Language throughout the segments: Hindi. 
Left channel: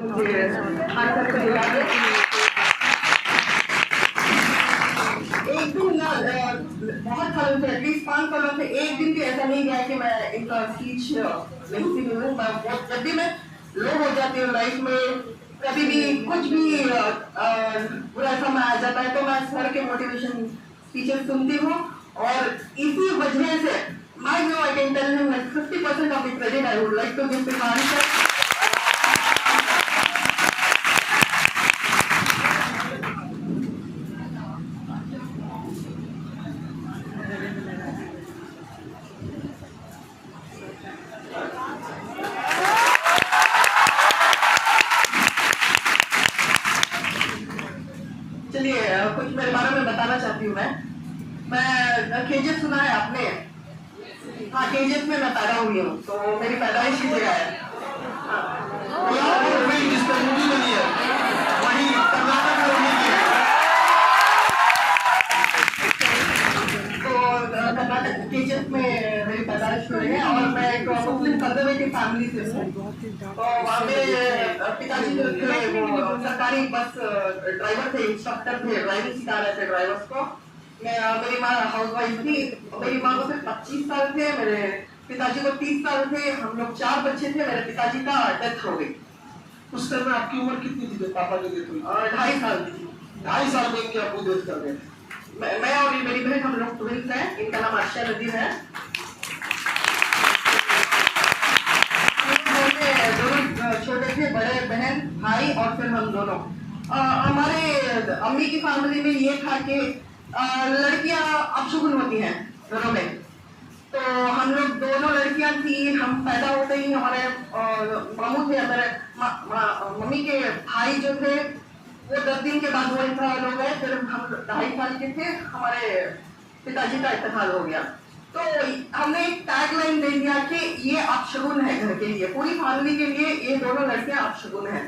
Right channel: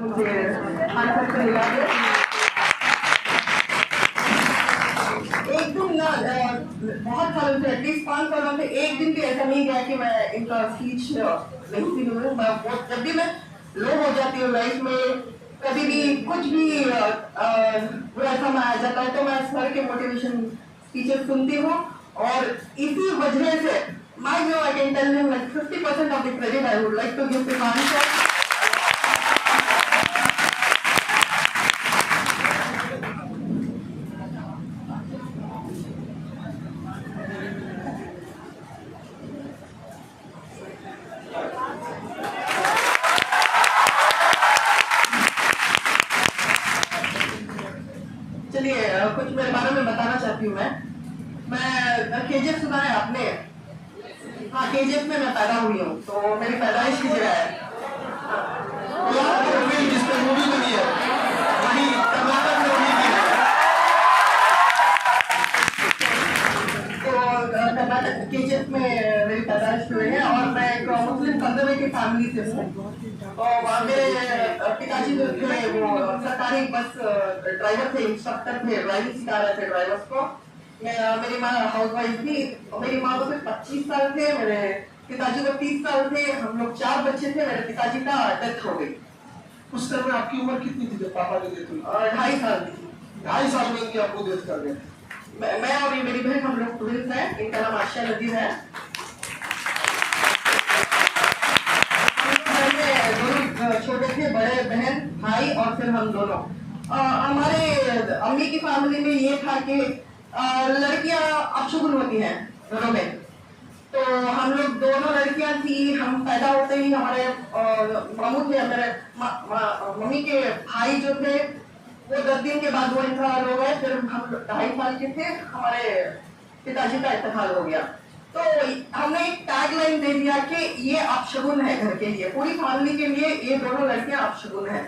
एक दिन ना बहुत सालों से एटलीस्ट 5 सालों से एक दिन भी ऐसा नहीं गया कि मैं इनका स्पीच नहीं सुनी हूँ। जब भी मैं लो हो जाती हूँ लाइफ में, कभी भी कुछ भी बुरा समय आ जाता है तो मैं सर के मोटिवेशन स्पीचेस सुनती हूँ और इसी वजह से I can tell him like 50% of the credit I would like to give to Khan sir. चलिए कुछ मेरे बारे में बताना चाहती हूँ मैं केजीएफ सुना है आपने? हाँ, केजीएफ में मैं पैदा हुई हूँ, तो मेरी पैदाइश की जगह है जिसपे मूवी बनी है वही कर्नाटक में हुई थी। तो कर्नाटक केजीएफ में मेरी पैदाइश हुई है और मैं एक मुस्लिम कंजर्वेटिव फैमिली से हूँ। तो मेरे पिताजी जो थे वो सरकारी बस ड्राइवर थे, इंस्ट्रक्टर थे, ड्राइविंग सिखा रहे थे ड्राइवर्स को। मेरी माँ हाउस वाइफ थी। मेरी माँ को सिर्फ 25 साल थे, मेरे पिताजी को 30 साल थे। हम लोग 4 बच्चे थे। मेरे पिताजी का डेथ हो गई। उस टाइम में आपकी उम्र कितनी थी जब पापा की डेथ हुई? 2.5 साल की थी। 2.5 साल में इनके आपको डेथ कर गए। मैं और ये मेरी बहन, हम लोग ट्विंस हैं। इनका नाम आशिया नदीम है। छोटे थे, बड़े बहन भाई और फिर हम दोनों। हमारे अम्मी की फैमिली में ये था कि लड़कियां अपशगुन होती हैं घरों में। तो हम लोग दोनों लड़कियां थी। हम पैदा होते ही हमारे मामू थे, मेरे मम्मी के भाई जो थे वो 10 दिन के बाद वो इंतकाल हो गए। फिर हम 2.5 साल के थे, हमारे पिताजी का इंतकाल हो गया। तो हमने एक टैग लाइन दे दिया कि ये अपशगुन है घर के लिए, पूरी फैमिली के लिए ये दोनों लड़कियां अपशगुन है।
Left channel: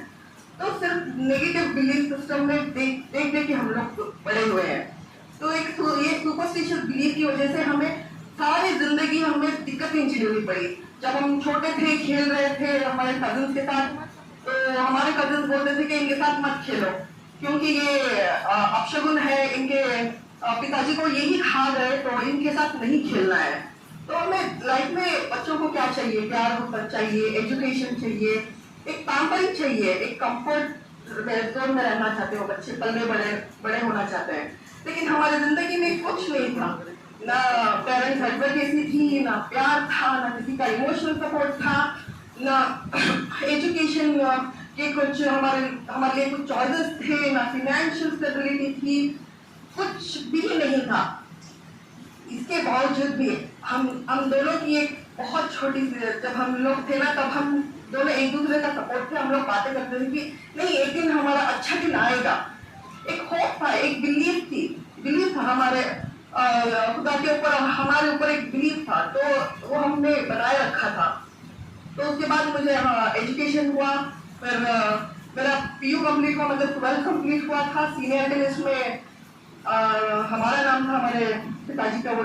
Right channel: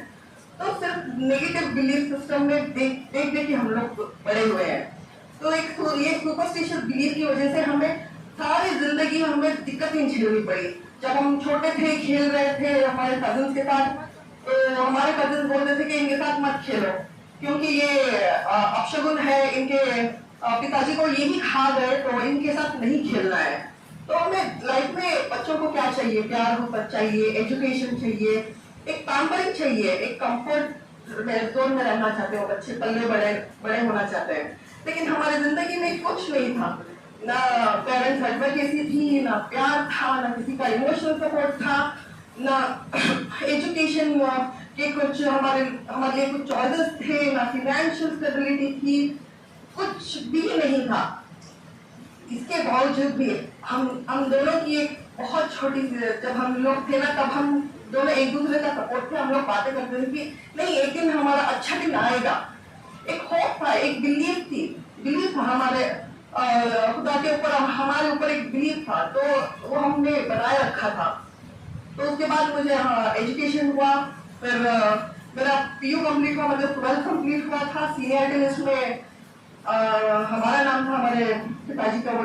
तो सिर्फ नेगेटिव बिलीफ सिस्टम में देख के हम लोग बड़े हुए हैं। तो ये सुपरस्टिशियस बिलीफ की वजह से हमें सारी जिंदगी हमें दिक्कतें झेलनी पड़ी। जब हम छोटे थे, खेल रहे थे हमारे कजिन के साथ, तो हमारे कजिन बोलते थे कि इनके साथ मत खेलो क्योंकि ये अपशगुन है, इनके पिताजी को यही खा गए तो इनके साथ नहीं खेलना है। तो हमें लाइफ में बच्चों को क्या चाहिए? प्यार होना चाहिए, एजुकेशन चाहिए, एक पैम्परिंग चाहिए, एक कंफर्ट जोन में रहना चाहते हो बच्चे, पल्ले बड़े होना चाहते हैं। लेकिन हमारी जिंदगी में कुछ नहीं था, ना पेरेंट्स एडवोकेसी थी, ना प्यार था, ना किसी का इमोशनल सपोर्ट था, ना एजुकेशन के कुछ हमारे लिए कुछ चॉइसेस थे, ना फाइनेंशियल स्टेबिलिटी थी, कुछ भी नहीं था। इसके बावजूद भी हम दोनों की एक बहुत छोटी सी, जब हम लोग थे ना तब हम दोनों एक दूसरे का सपोर्ट थे। हम लोग बातें करते थे कि नहीं एक दिन हमारा अच्छा दिन आएगा। एक होप था, एक बिलीफ था हमारे खुदा के ऊपर, हमारे ऊपर एक बिलीफ था। तो वो हमने बनाए रखा था। तो उसके बाद मुझे एजुकेशन हुआ, फिर मेरा PU कंप्लीट हुआ, मतलब 12th कंप्लीट हुआ था। सीनियर टेनिस में हमारा नाम था, हमारे पिताजी का वो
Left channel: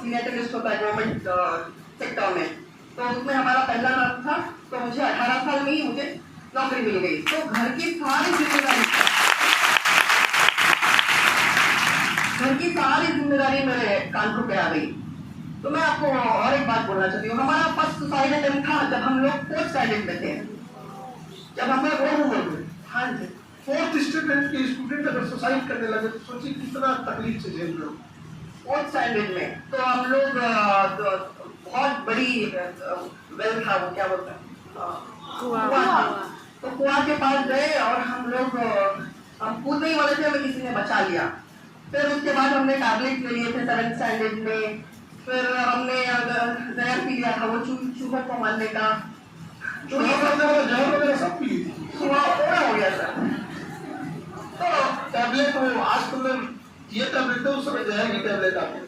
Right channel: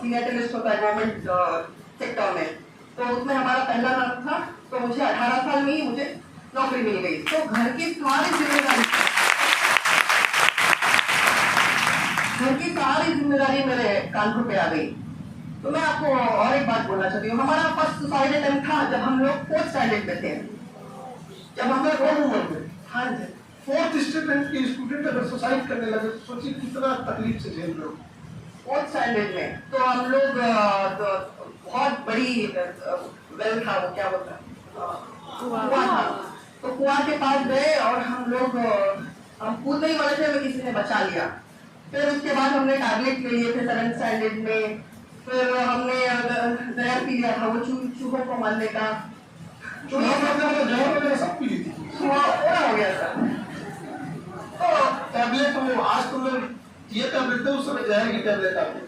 सीनियर टेनिस्ट होता है गवर्नमेंट सेक्टर में, तो उसमें हमारा पहला नाम था। तो मुझे 18 साल में ही मुझे नौकरी मिल गई। तो घर की सारी जिम्मेदारी मेरे कांधों पे आ गई। तो मैं आपको और एक बात बोलना चाहती हूँ। हमारा फर्स्ट सुसाइड अटेम्प्ट था जब हम लोग 4th स्टैंडर्ड में थे, जब हम लोग बहुत उम्र में। हाँ जी, 4th स्टैंडर्ड के स्टूडेंट अगर सुसाइड करने लगे तो सोचिए कितना तकलीफ से झेल रहे हो। 4th स्टैंडर्ड में तो हम लोग बहुत बड़ी वेल था, वो क्या बोलता है, कुआं था। तो कुआं के पास गए और हम कूदने ही वाले थे, हमें किसी ने बचा लिया। फिर उसके बाद हमने टैबलेट ले लिए थे 7th स्टैंडर्ड में। फिर हमने जहर पी लिया था, वो चूहों को मारने का। जहर सब पी ली थी, हो गया था। तो टैबलेट आज तुमने ये टैबलेट थे, उस समय जहर की टैबलेट आती।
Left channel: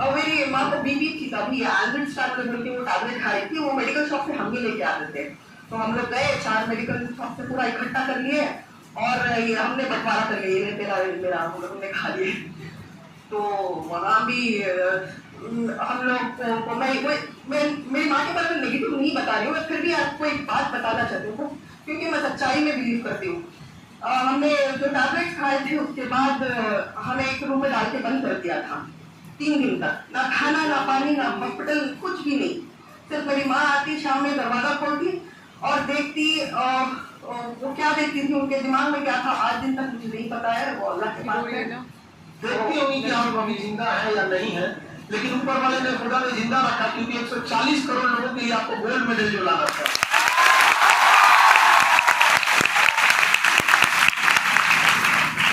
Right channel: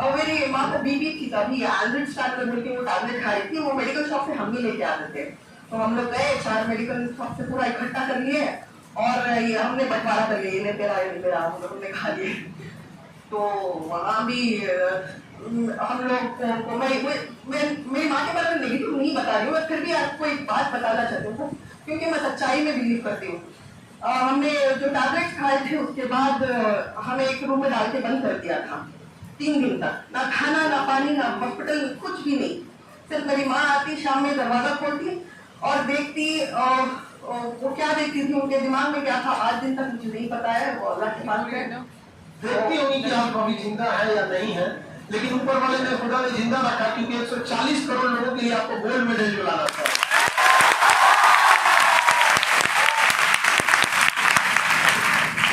और मेरी माँ को बीपी थी, तभी एल्ड्रिड स्टार्ट बोल के वो टैबलेट खा रही थी। वो मेडिकल शॉप से हम भी लेके आते थे। तो हम लोग गए, 4 मेडिकल शॉप से पूरा इकट्ठा कर लिए और ये हमने बंटवारा कर लिया, ये तेरा मेरा, हम लोग ने खा लिए। तो वहाँ भी हम लोग को मेरी माँ के बारे में नेगेटिव नहीं बता रही हूँ, फिर भी आपको एक बात बताना चाहती हूँ। क्योंकि मैं सच्चाई में बिलीव करती हूँ। हमने जो टैबलेट्स खाए थे उसके बाद हमें एक रूम में डाल के बंद कर दिया था 3 दिन तक, ना खाना ना पानी ना हॉस्पिटल, कुछ भी नहीं। सिर्फ मेरी माँ आती शाम में, दरवाजा खोलती और देखती, वो क्या देखती थी, उनके दिमाग में क्या था आज दिन तक मुझे नहीं पता है, वो अल्लाह के पास है। देखती होंगी कि आप अभी जिंदा है या नहीं है, लेकिन ऊपर वाले ने खुदा ने जिंदा रखा, क्योंकि 140 करोड़ लोगों के लिए आपको गोल्ड मेडल दिलाना था।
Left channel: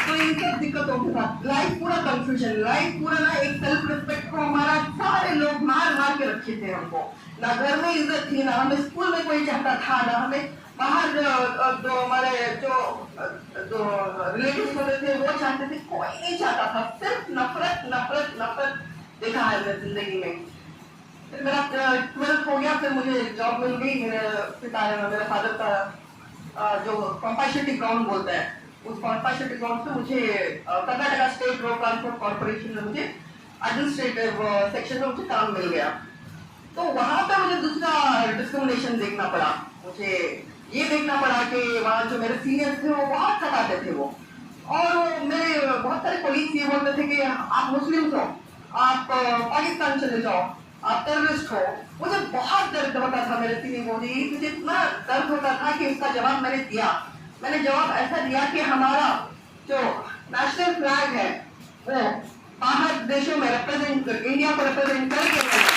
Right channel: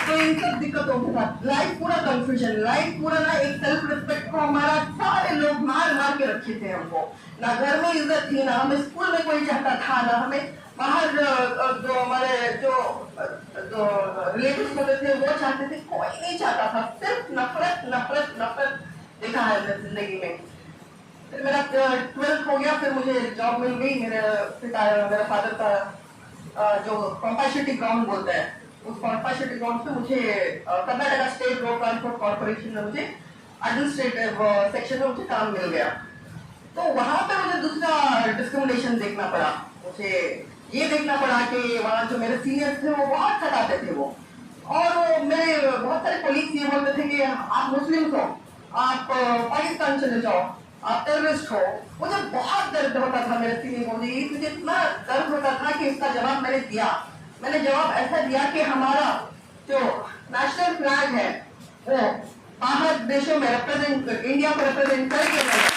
तो इन सब दिक्कतों के साथ लाइफ पूरा कंफ्यूजन, लाइफ पूरा ना एक सेल्फ रिस्पेक्ट को हमारा सारे लोग मार मार के रखे थे हमको। ना घर में इज्जत थी, ना हमें स्कूल में कोई चाहता था, ना हमें बाहर जो हमारे जो रिलेटिव्स होते थे वो चाहते थे, कोई नहीं चाहता था। सिर्फ नफरत नफरत नफरत देखा है मेरी जिंदगी में। फिर मेरा 12th हो गया, फिर मुझे जॉब मिल गई। मेरे फादर का जो कंपैशेटी ग्राउंड बोलते हैं, उस कंपैशेटी ग्राउंड से मुझे Karnataka state road transport corporation में मुझे एडमिनिस्ट्रेटिव सेक्शन में मुझे काम मिल गया। तो वहां पे मुझे दूसरा डिस्क्रिमिनेशन देखना पड़ा। मुझे ये देखना पड़ा कि वहाँ जो मेरे सीनियर्स थे वो बहुत सताते थे वो, और मेरे बहुत सारे कोलीग्स ये बोलते थे कि आप मुस्लिम हो, आप पाकिस्तान चले जाओ, आप टेररिस्ट हो। मुझे बहुत दर्द होता था मेरे सीनियर को, मुझे इतना दर्द होता था कि इसका जवाब मैंने दिया। मैंने जवाब ऐसा दिया कि हमारा जो नेशनल फ्लैग है वो बाहर देशों में रिप्रेजेंट, इंडिया को रिप्रेजेंट करके मैंने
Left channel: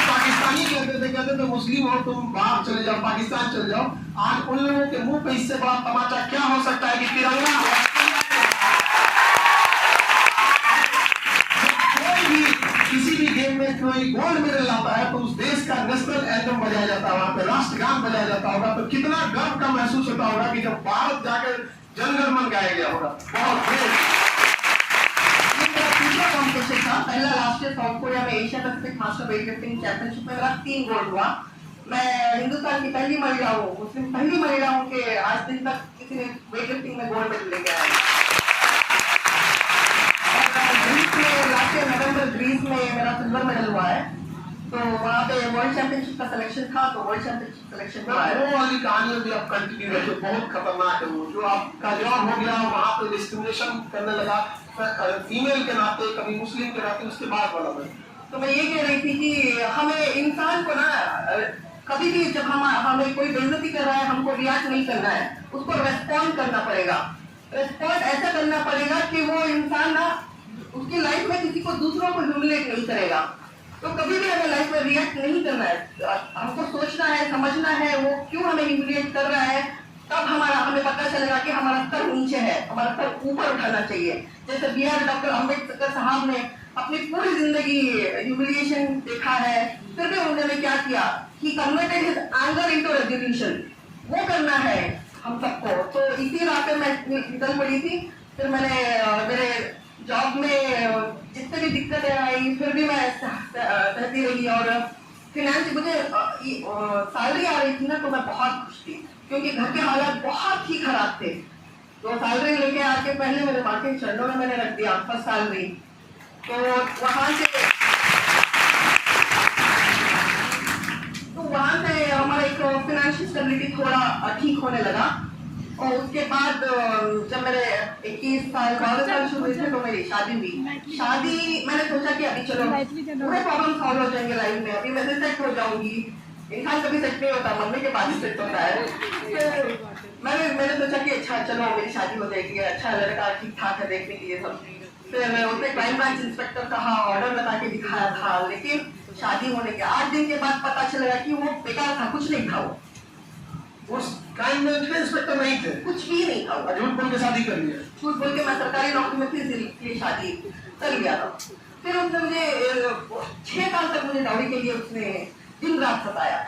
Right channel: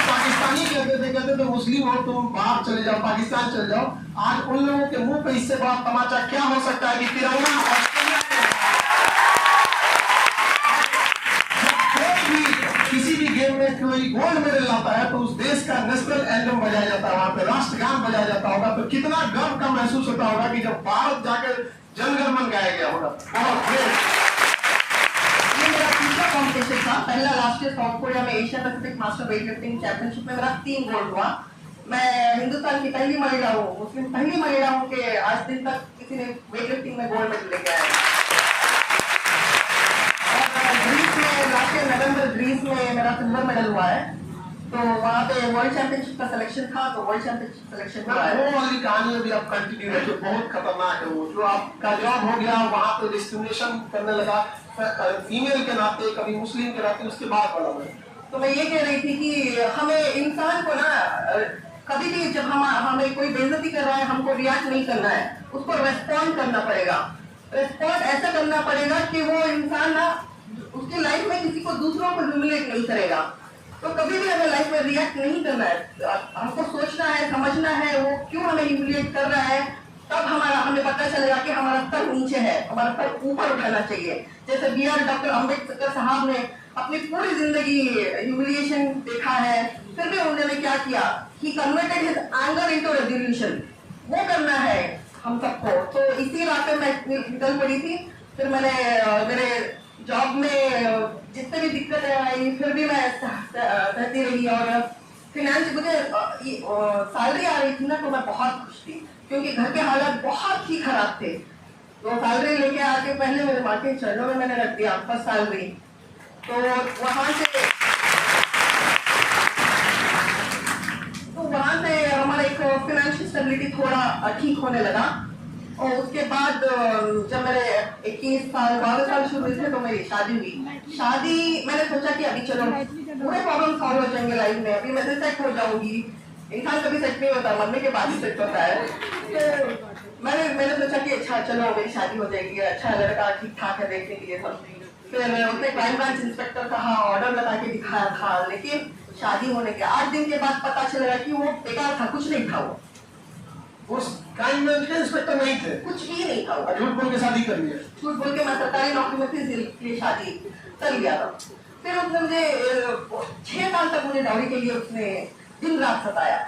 पाकिस्तानी कहते थे मुस्लिम हो तुम बाहर चले जाओ, पाकिस्तान चले जाओ। आज उन लोगों के मुंह पे इससे बड़ा तमाचा क्या हो सकता है कि तिरंगा कोई भी किसी भी गेम में कोई गोल्ड मेडल लाता है तो उस देश का नेशनल एंथम बजाया जाता है, वहां पे राष्ट्रगान बजाया जाता होगा, तो कितना गर्व का महसूस होता होगा कि जब भारत जाकर जन गण मन गाया गया होगा। कॉम्पिटिशन था पहला लास्ट ईयर साउथ कोरिया में, Asia Pacific master weight lifting championship में मेरा 3 गोल्ड हुआ। मैं हिंदुस्तान की पहली महिला हूँ, मुस्लिम पहली महिला हूँ कि आज दिन तक किसी ने वेट लिफ्टिंग में गोल्ड मेडल लेके आया। और ग्रीस में लास्ट ईयर नवंबर ग्रीस में मेरा सिल्वर मेडल हुआ है। तो वहाँ पे वर्ल्ड चैंपियनशिप का सिलेक्शन था, तो वर्ल्ड चैंपियनशिप सिलेक्शन हुआ है। वो वाली कहानी अभी आप कंटिन्यू है जो बहुत खतरनाक है, वो जो आपका जॉब हो गया वहाँ पे डिस्क्रिमिनेशन करने लगा फीमेल के नाते, कभी मुस्लिम के नाते, उसके बाद वाला में। तो मैं ये कह रही थी कि हमें इंसान को ना कभी भी जब हमें कोई बेइज्जती कर रहा है, हमको रिएक्ट नहीं करना है, उसको रेस्पॉन्ड करना पड़ेगा। रेस्पॉन्ड ऐसा करना पड़ेगा कि वो इंसान ना उसकी लाइफ में किसी को दूसरों को ह्यूमिलेट नहीं करेगा। तो कभी भी हमें लाइफ में रिएक्ट नहीं करना है, हमको सोचना है, समझना है वो क्यों हमें ह्यूमिलेट कर रहा है, तब हमें पता चलेगा कि हमारा स्तर नीचे है, हमारा स्तर ऊपर उठाना चाहिए। जैसे BR डॉक्टर अम्बेडकर साहब ने अपनी पूरी जिंदगी ह्यूमिलिएशन देखा है, फिर भी उन्होंने क्या किया, he converted his anger into resolution. वो करना है हम सबको। तो इसी रास्ते में निकल पड़ी थी। फिर मैंने मेरे जॉब में जितने भी दिक्कतें आई फिर भी मैं सहती रही, और फिनेंस मुझे सैलरी आ रही थी ना तो मैं बहुत खुश थी, क्योंकि घर के हालात बहुत ही खराब थे। तो सैलरी लेके आके पहले मेरे माँ के चरणों में मैंने रख दिया फर्स्ट सैलरी। तो वहाँ से हमारा एक फिनेंशियल स्टेबिलिटी थोड़ा ठीक होने लगा। और उसके बाद जब मेरे 21 साल 22 साल शुरू हुए थे तो मेरी शादी हुई। शादी मैंने सोचा कि अभी चलो पूरे प्रॉब्लम सॉल्व हो जाएंगे लाइफ में, अभी मैं सेट हो जाऊंगी। इंसान कभी सेट नहीं होता, मरने के बाद ही सेट होता है। तो मैंने सोचा कि अच्छा चलो मेरी शादी हो जाएगी, अच्छा लड़का ठीक ठाक है देखने के लिए सब। फिर उसने क्राइम ब्रांच इंस्पेक्टर कहा, ऑर्डर लगा के दिखाया था, लेकिन शादी होने के 8 दिन के बाद पता चला कि वो बेकार था, कुछ नहीं था। वो उस क्राइम ब्रांच के इंस्पेक्टर नहीं थे, कुछ भी नहीं था। झूठ बोल के शादी कर लिया। झूठ बोल के मैं सरकारी नौकरी में थी, इसलिए शादी कर लिया था। फिर उसने मुझे 6 साल तक मुझे डाउरी के लिए उसने दिन रात सताया।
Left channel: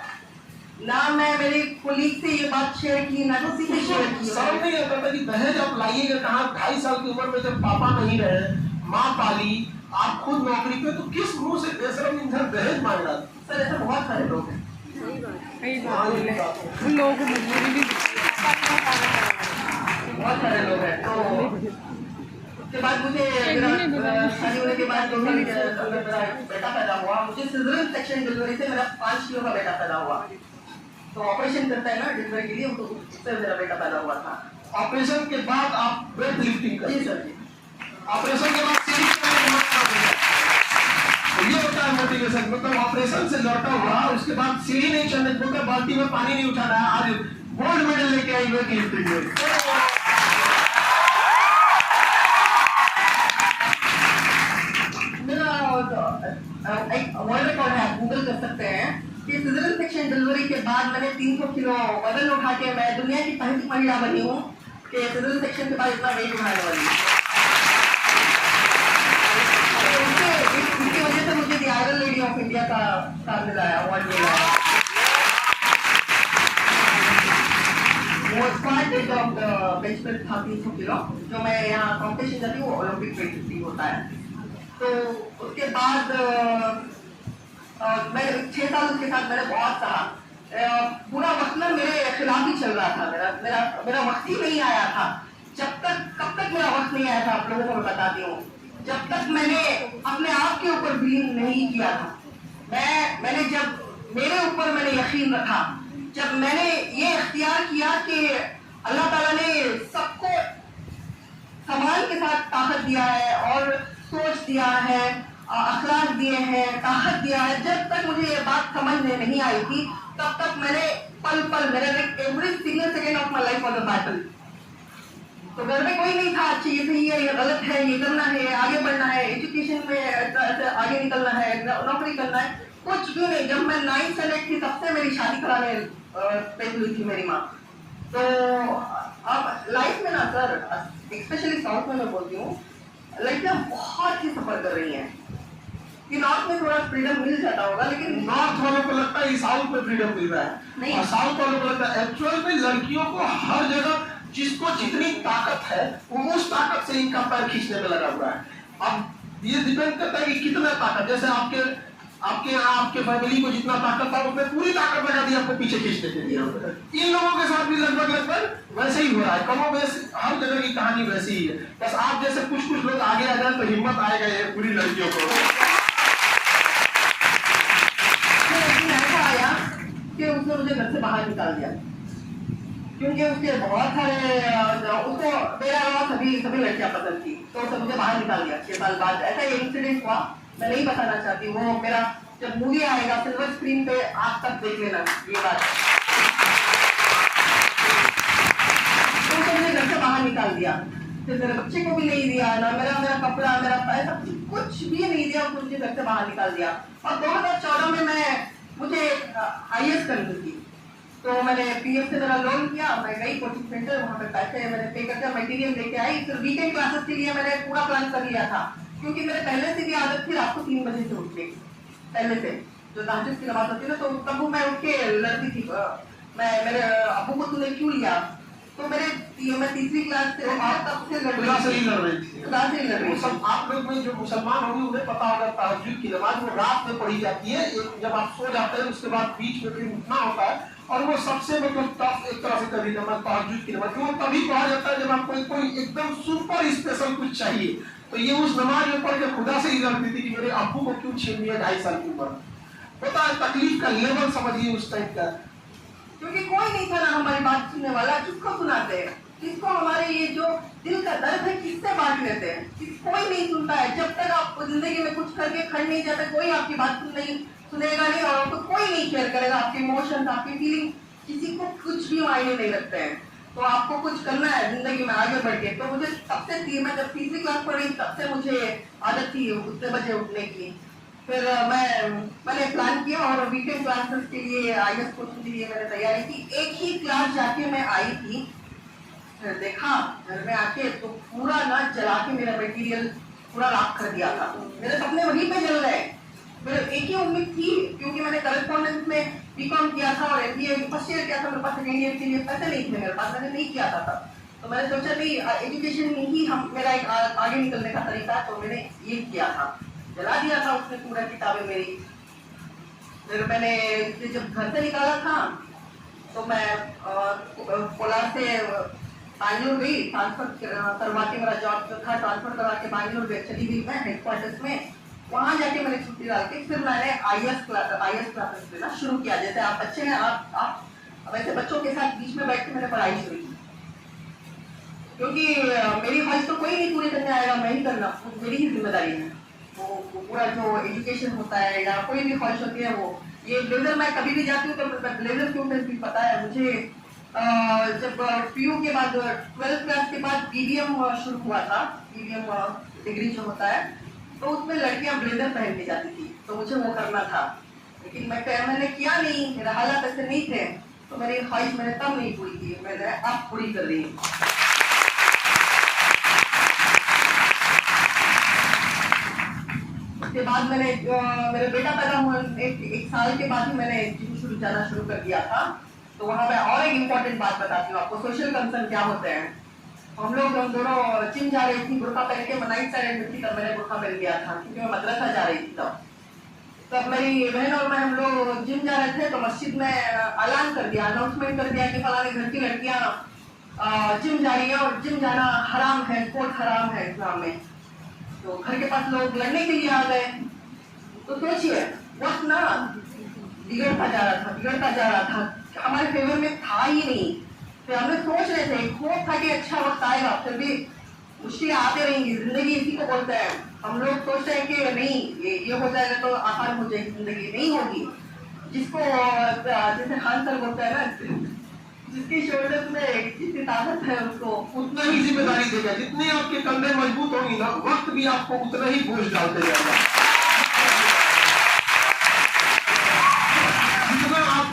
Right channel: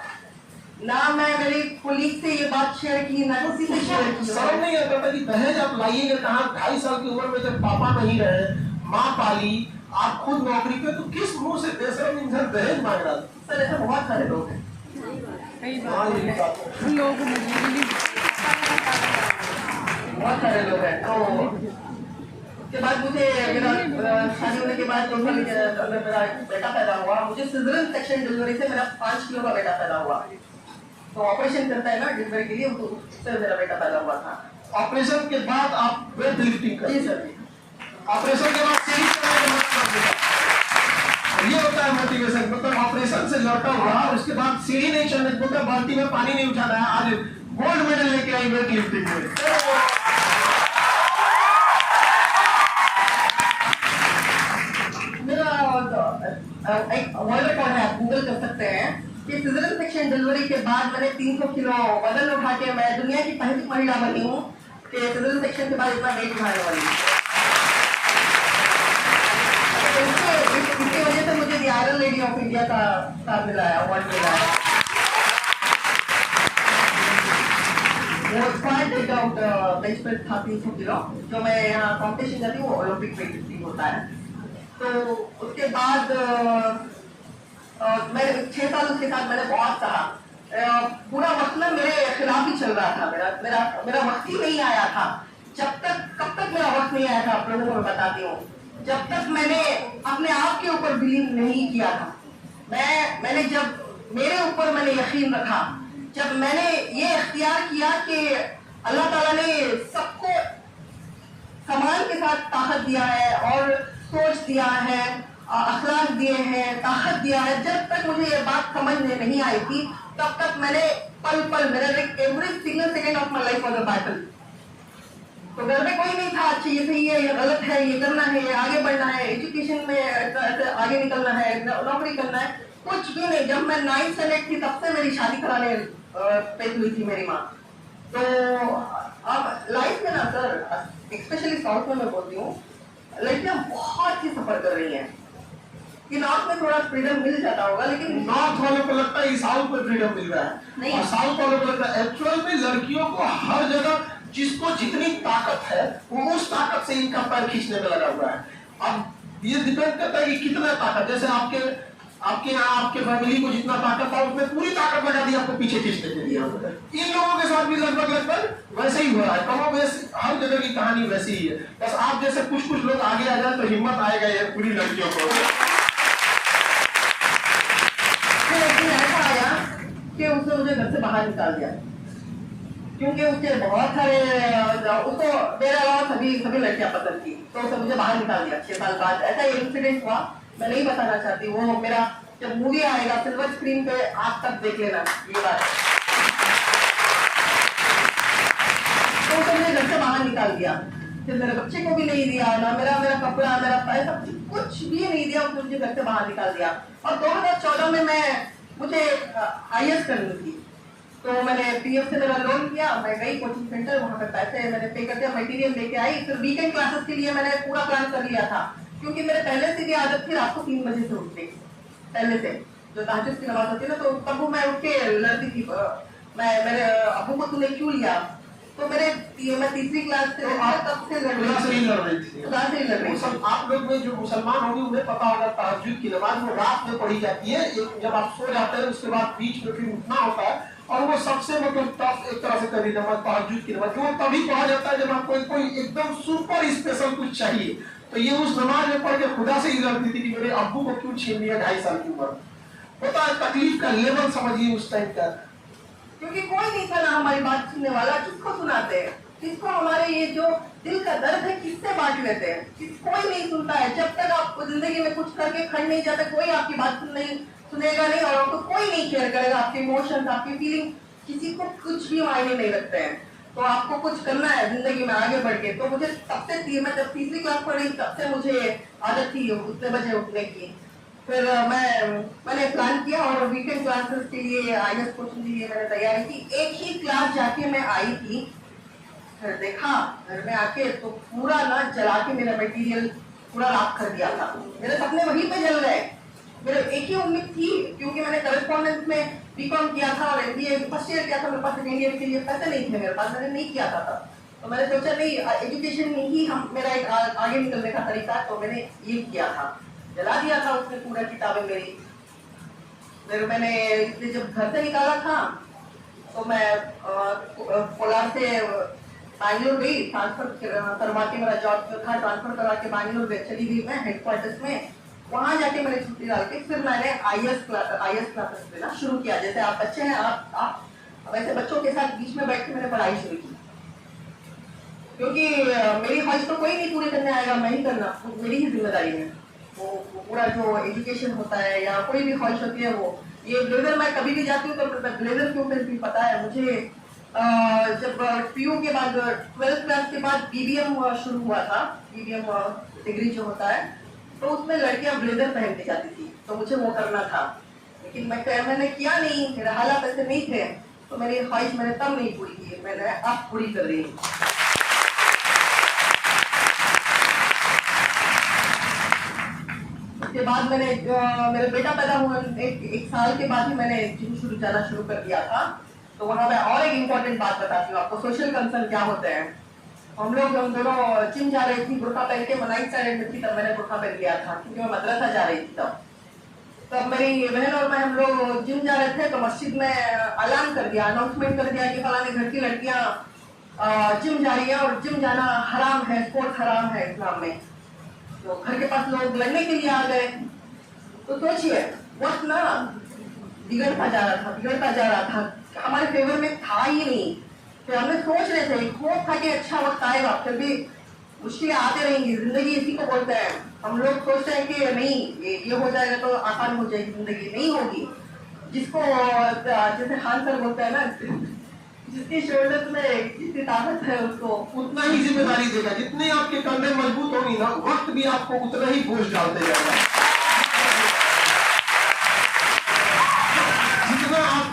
ना मैं मेरे कोलीग से ये बात शेयर की, ना किसी से शेयर की। समझ नहीं आता था कि दहेज आप लाइएगा कहाँ। 2.5 साल की उम्र में जब पापा नहीं रहे, माँ पाली, आप खुद नौकरी पे, तो किस मुंह से बेशरम इंसान दहेज मांग रहा? सर ऐसे बहुत सारे लोग हैं, लोग मजबूरी बहुत सारे लोग हैं। तो उसके बाद मुझे मेरा शादी होने के बाद मेरा बेटा पैदा हुआ। मुझे सिजरियन सेक्शन डिलीवरी से मेरा 5 किलो का बेटा पैदा हुआ। तो ऑपरेशन करता है ना डिलीवरी के लिए, तो उससे मेरा बेटा पैदा हुआ था। ऑपरेशन के बाद आप वेट लिफ्टिंग करते जी सर जी। ऑपरेशन के बाद सीढ़ी चढ़ने का मतलब होता है। ये होता है मोटिवेशन, मतलब ऑपरेशन से लौटा हुआ उसके बाद सीढ़ी नहीं चढ़ने, मतलब बाल्टी में पानी नहीं उठाना है, आज गोल्ड मेडल लेके आई वेट लिफ्टिंग में। मेरा एक वर्ल्ड रिकॉर्ड है, आप गूगल कर सकते हैं कि सिजरियन सेक्शन डिलीवरी के बाद मैंने 300 किलो वजन उठा के मैं दुनिया की पहली महिला बनी हूँ कि सिजरियन सेक्शन के बाद इतना वेट उठाने वाली हूँ। इसकी वजह से मुझे आयरन लेडी ऑफ इंडिया का स्टार मिला है, अवार्ड मिला है। वो squad weight of the bench press था 300 किलो, जो मैं यहाँ कॉम्पिटिशन जाती हूँ, ओलंपिक वेट होता है। तो उसके बाद मैं 6 साल उसके साथ मैंने बहुत सहा। पूरा वक्त ना मेरे खिलाफ ही चल रहा था, मेरा वक्त ही नहीं आया था। कब तक मेरा वक्त नहीं आया था, आप लोगों को मैं बताती हूँ, जब तक मैंने अपने आप के ऊपर बिलीव नहीं किया था। मैंने जब मेरे ऊपर मैंने यकीन रखा, जब मैंने ये इख्तियार किया कि अल्लाह ताला ने सबको समान के साथ ताकत दिया है और सोच दिया है, अखलाक दिए हैं, ताकत दिया है। जब तक मुझे ये बात समझ में नहीं आई थी, तब तक मैंने पल मेरे every single second of my life was a battle. तो घर में कोई नहीं था, अच्छा ये सही है, ये गलत है, ये करना है, आगे बढ़ना है, एजुकेशन में ऐसे आगे निकलना है, नौकरी करना है, कुछ भी नहीं। जब मैं 9th स्टैंडर्ड थी तब से मेरी शादी कराने पे हुई थी मेरी माँ। तो अब लाइफ में ना सर, स्पेशली साउथ में मैं बोलती हूँ, लड़कियां बहुत ही सफर कर रही हैं। कि नॉर्थ में थोड़ा फ्रीडम मिल जाता होगा, लेकिन नॉर्थ वालों को लगता है साउथ में फ्रीडम मिल रहा है, नहीं। और साउथ वालों को लगता है एक्चुअल में लड़कियों को हर जगह जिसको जितनी ताकत है वो उस ताकत से इनका पैर खींचने में लगा हुआ है। अब ये डिपेंड करता है कि कितना ताकत, जैसे आपके यहाँ आपके फैमिली को जितना ताकत था उसमें पूरी ताकत लगा दी आपको पीछे खींचने के लिए। इन लोगों के साथ भी लगभग वैसे ही हो रहा है, कमो बेस हर जगह की कहानी वैसी ही है। बस आप जैसे कुछ लोग आगे आ जाए तो हिम्मत आएगा ये पूरी लड़कियों को। ऐसा आया कि उसने मुझे घर से बाहर निकाल दिया, क्योंकि उसके बहुत सारे उसको मेरे अलावा सभी लड़कियां पसंद थी, तो उसने मुझे बाहर निकाल दिया 6 साल बाद। ऐसा इंसिडेंट हुआ, मैं नहीं बताना चाहती, वो मेरा जब मूवी आएगा सिल्वर स्क्रीन पे आप तक देख लेना ये बात। तो उसने मुझे घर से बाहर निकाल दिया, फिर मेरे बच्चे को भी नहीं दिया, ना मेरा कपड़ा, मेरा पैसा, कुछ भी नहीं दिया, उसने मुझे घर से बाहर निकाल दिया। और 2014 में मुझे IAS करनी थी, तो मैंने PF से मेरा लोन किया, मैं गई कोचिंग सेंटर, वहाँ पे पैसे मैंने पे करके मटेरियल लेके आई। फिर वीकेंड क्लासेस के लिए मैंने पूरा प्लान कर लिया था, क्योंकि मेरे पहले से भी आदत थी रात को 3 बजे से उठने की, पहले से जो तहज्जुद की नमाज होती है ना, तो तब मैं उठ के लड़ती थी। मेरे अबू को तूने क्यों लिया, तो मैं 3री क्लास से तब से लड़ रही थी। आप लोग में जो मुसलमान होंगे उन्हें पता होगा तहज्जुद की नमाज वो रात में पढ़ी जाती है, जब आप सो जाते हैं उसके बाद बीच में फिर उठना होता है, और वो सबसे मतलब टफ एक तरह से कर दी नमाज तहज्जुद की नमाज, वो तभी पढ़ा जाता है जब आपको कोई एकदम सुपर स्पेशल कुछ चाहिए। तो ये उस नमाज में पढ़ के खुदा से ही लड़ती थी कि मेरे अब्बू को क्यों छीन लिया 2.5 साल की उम्र। होता है तकलीफ का लेवल समझिए उस टाइम का, क्योंकि कोई नहीं था ना हमारी बात सुनने वाला। किसको सुनाते हैं, किसको हमारे ये जो दिल का दर्द है किससे बांट लेते हैं, कोई नहीं सुनता है। जब तक आप जिंदगी में कुछ करके खड़ नहीं जाते, कोई आपकी बात सुनेगा नहीं, और आपको कोई नहीं केयर करेगा, आपके इमोशंस, आपकी फीलिंग किसी को कुछ भी मायने नहीं रखते हैं। तो आपको कुछ करना है जिंदगी में आगे बढ़ के। तो मुझे तब से मैं जब 3री क्लास पढ़ रही तब से मुझे आदत थी उतने बजे उठने की। फिर मैंने प्लान किया और वीकेंड क्लासेस के लिए IAS कोचिंग के लिए मैंने तैयारी की। एक ही क्लास जाके मैं आई थी, फिर देखा घर में आके तो पूरा ना जला के मेरा मटेरियल पूरा राख कर दिया था। मेरे सपने वहीं पे जल गए। मेरे एक ही उम्मीद थी, क्योंकि मैंने करेस्पॉन्डेंस में BCom किया था और MBA फर्स्ट ईयर किया था, मेरे पास 2nd ईयर के लिए पैसे नहीं थे मेरे पास, मैंने नहीं किया था तब। तो मैंने सोचा नहीं, एजुकेशन में ही मेरा एक आगे निकलने का तरीका, तो मैंने ये किया था, जला दिया था उसने पूरा किताबें मेरी। फिर मैंने जब घर से निकाला था तो मैं कोलार से बैंगलोर गई, ट्रांसफर करवा के, मेरा जॉब जो था ट्रांसफर करवा के बैंगलोर गई, चली गई मैं हेडक्वार्टर्स में। वहाँ जाके मैंने छुट्टी डाल के फिर मैंने आईएएस क्लासेस लेना शुरू किया। जैसे आप बच्चे हैं, आप वैसे बच्चों के साथ बीच में बैठ के मैंने पढ़ाई शुरू की, क्योंकि मेरी ख्वाहिश तो कोई नहीं पूरी करने आएगा, मैं ही करना, वो मेरी ही जिम्मेदारी है। वो पूरा जो एजुकेशन होता है या कोई भी ख्वाहिश होती है, वो ये ब्लेजर मैं कभी भी जाती हूँ तो ब्लेजर क्यों पहनती हूँ पता है मुझे? जब पीयू के बाद 12th क्लास के बाद बीबीएम शुरू हुआ था, बीबीएम डिग्री जो होता है, तो उसमें लड़कियां ब्लेजर पहन के जाती थी, तो मुझे वो करना था। लेकिन मैंने किया नहीं, मेरे हालात ऐसे नहीं थे, तो मेरी ख्वाहिश मैंने तब नहीं पूरी की, मैंने अब पूरी कर रही हूँ। उसके बाद मैंने मेरा बेटा पैदा हुआ, एक साल के बाद ही मैंने जिम जाना शुरू कर दिया था। तो वहाँ मैं और एक इम्पोर्टेंट बात बताती हूँ आपको, सोशल कंसर्न क्या होते हैं। हम दोनों जिम जा रही थी, बुर्का पहन के, 9th स्टैंडर्ड में थी तब मैंने बुर्का पहन लिया था, क्योंकि मैं मदरसा जा रही थी तब मेरी बहन और मैं, हम लोग जिम जा रहे थे, तो मस्जिद में ऐलान कर दिया, अनाउंसमेंट कर दिया कि फलाने घर की लड़कियां जिम जा रही है और जिम जाना हराम है, स्पोर्ट्स हराम है इस्लाम में। तो घर के पास लोग लड़ने के लिए आ गए। तो सोचिए वक्त ना बिगड़ता जा रहा था, हमारे फेवर में था ही नहीं। फिर हमने सोच रहे थे, होप था कि अच्छा वक्त आएगा, फिर भी मुश्किलें आते रहेंगी, जिंदगी इसी को बोलते हैं। हम लोग सोचते हैं कि नहीं ये हो जाएगा तो आसान हो जाएगी जिंदगी, नहीं होगी। जिसको जैसे खान सर बोलते हैं ना, जिसकी शोल्डर में जितनी ताकत है उसको उतना ही जिम्मेदारी देगा। जितनी आपके कंधे मजबूत होंगी ना, वक्त भी आपको उतना ही बोझ डालते जाएगा। जितना आप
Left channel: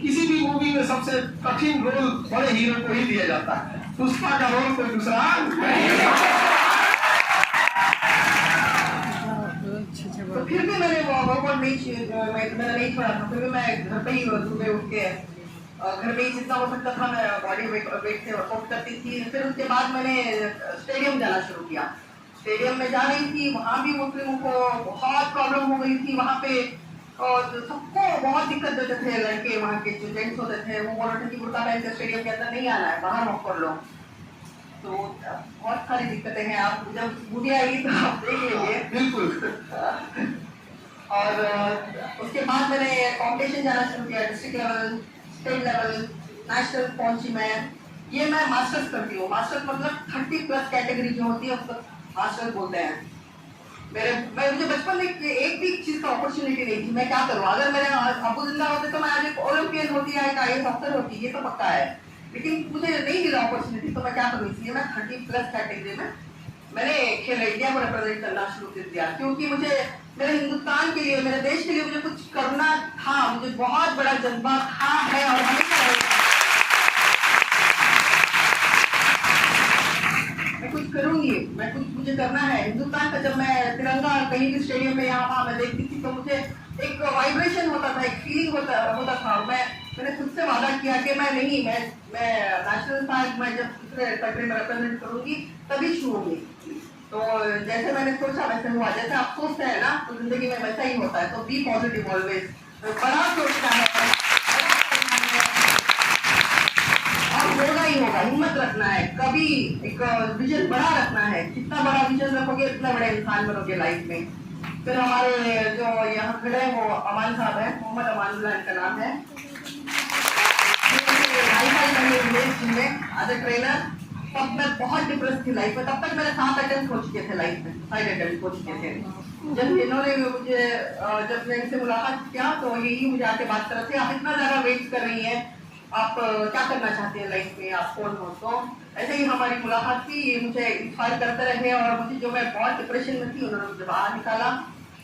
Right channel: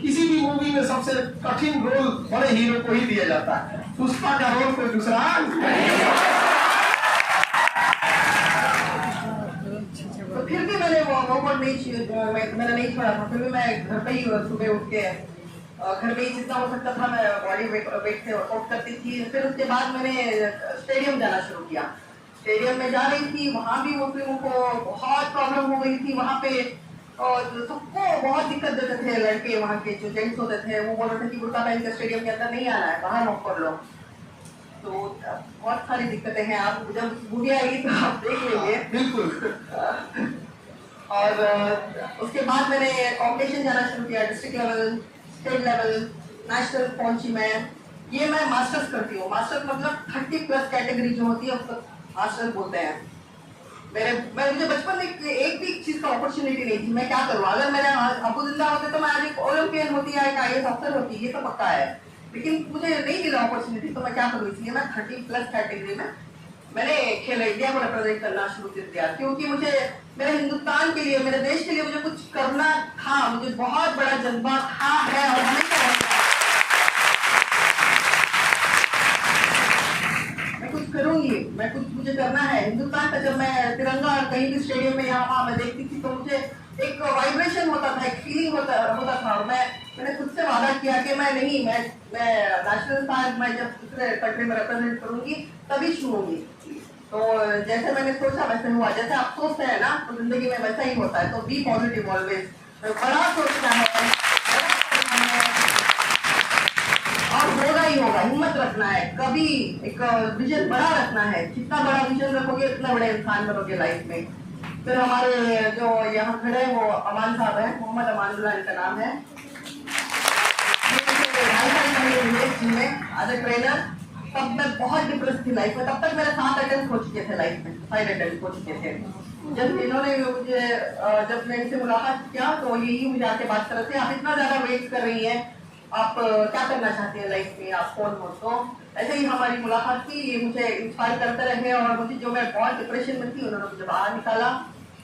किसी भी मूवी में सबसे कठिन रोल बड़े हीरो को ही दिया जाता है, पुष्पा का रोल कोई दूसरा तो फिर भी मैंने वो वर्कआउट मैंने नहीं छोड़ा था। फिर भी मैं घर पे ही सुबह उठ के घर में ही जितना हो सकता था मैं बॉडी वेट से वर्कआउट करती थी। फिर उसके बाद मैंने स्टेडियम जाना शुरू किया। स्टेडियम में जा रही थी, वहाँ भी मुस्लिमों को बहुत प्रॉब्लम हो गई थी। वहाँ पे और सबको बहुत दिक्कत देते थे लड़के, वहाँ के जो जेंट्स होते थे वो बोल रहे थे कि बुर्का पहन के स्टेडियम के अंदर नहीं आना है, बाहर वॉक कर लो। तो बहुत सारी दिक्कतें हैं, आप जब मूवी आएगी तो आप देख लीजिए। बिल्कुल। और उसके बाद मैंने कॉम्पिटिशन जाना शुरू किया, district level, state level, national पहुंची मैं। ये मैं मास्टर्स करती हूँ। मास्टर्स मतलब 30+ कैटेगरी जो होती है उसको मास्टर्स बोलते हैं। मुझे बचपन में एक भी चीज का अपॉर्चुनिटी नहीं थी। मैं क्या करूँ, अगर मेरे अबू जिंदा होते तो मैं आज एक ओलंपियन होती है, एक IAS अफसर होती, ये तो पक्का है। लेकिन मुझे नहीं मिला अपॉर्चुनिटी, तो मैं क्या करूँ, इसलिए मैं 30+ कैटेगरी में मैंने खेल इंडिया को रिप्रेजेंट करना शुरू कर दिया। क्योंकि मुझे मेरे हिंदुस्तान के लिए, मेरे देश के लिए मुझे कुछ करना था, मुझे बहुत बड़ा जज्बा था, है और हमेशा रहेगा। मैं कुछ करूंगी, मैं कुछ मुझे करना है हिंदुस्तान का। जब मैं तिरंगा कहीं भी स्टेडियम में यहाँ वहाँ मैं देखती थी तो मुझे एक वाइब्रेशन होता था, एक फीलिंग होता था। मैंने खुद से वादा किया कि मैं नेशनल फ्लैग मैं जब दूसरे कंट्री में रिप्रेजेंट करूंगी तभी छूऊंगी। तो जैसे मैंने सोचा वैसे हुआ। जैसे आप सोचते हैं ना तो जिंदगी में वैसा ही होता है। तो बी पॉजिटिव ऑलवेज, बड़ा सोचना है और होगा ही होगा। हिम्मत रखना है, कभी एक विजन बड़ा रखना है। जितना बड़ा विजन रखोगे उतना बड़े इंसान बनोगे लाइफ में। फिर हमारे जो यहाँ खड़े हैं वो अमान साहब हैं, मोहम्मद अमानुल्लाह इनका नाम है। एज ए ट्रेनर, तब मैं बहुत डिप्रेस थी लाइफ में। तब तक मेरे 7 अटेम्प्ट हो चुके थे लाइफ में, 5 अटेम्प्ट हो चुके थे। जब इन्होंने मुझे जब मैं इनसे मुलाकात किया तो यही मुझे आके बात कर रहे थे, आप इतना ज्यादा वेट कर रही हैं, आप क्या करना चाहते हैं लाइफ में, आप कौन हो। तो ऐसे ही हमारी मुलाकात थी, ये मुझे इंस्पायर करते रहे और मुझे जो मैं बहुत डिप्रेशन में थी उन्होंने मुझे बाहर निकाला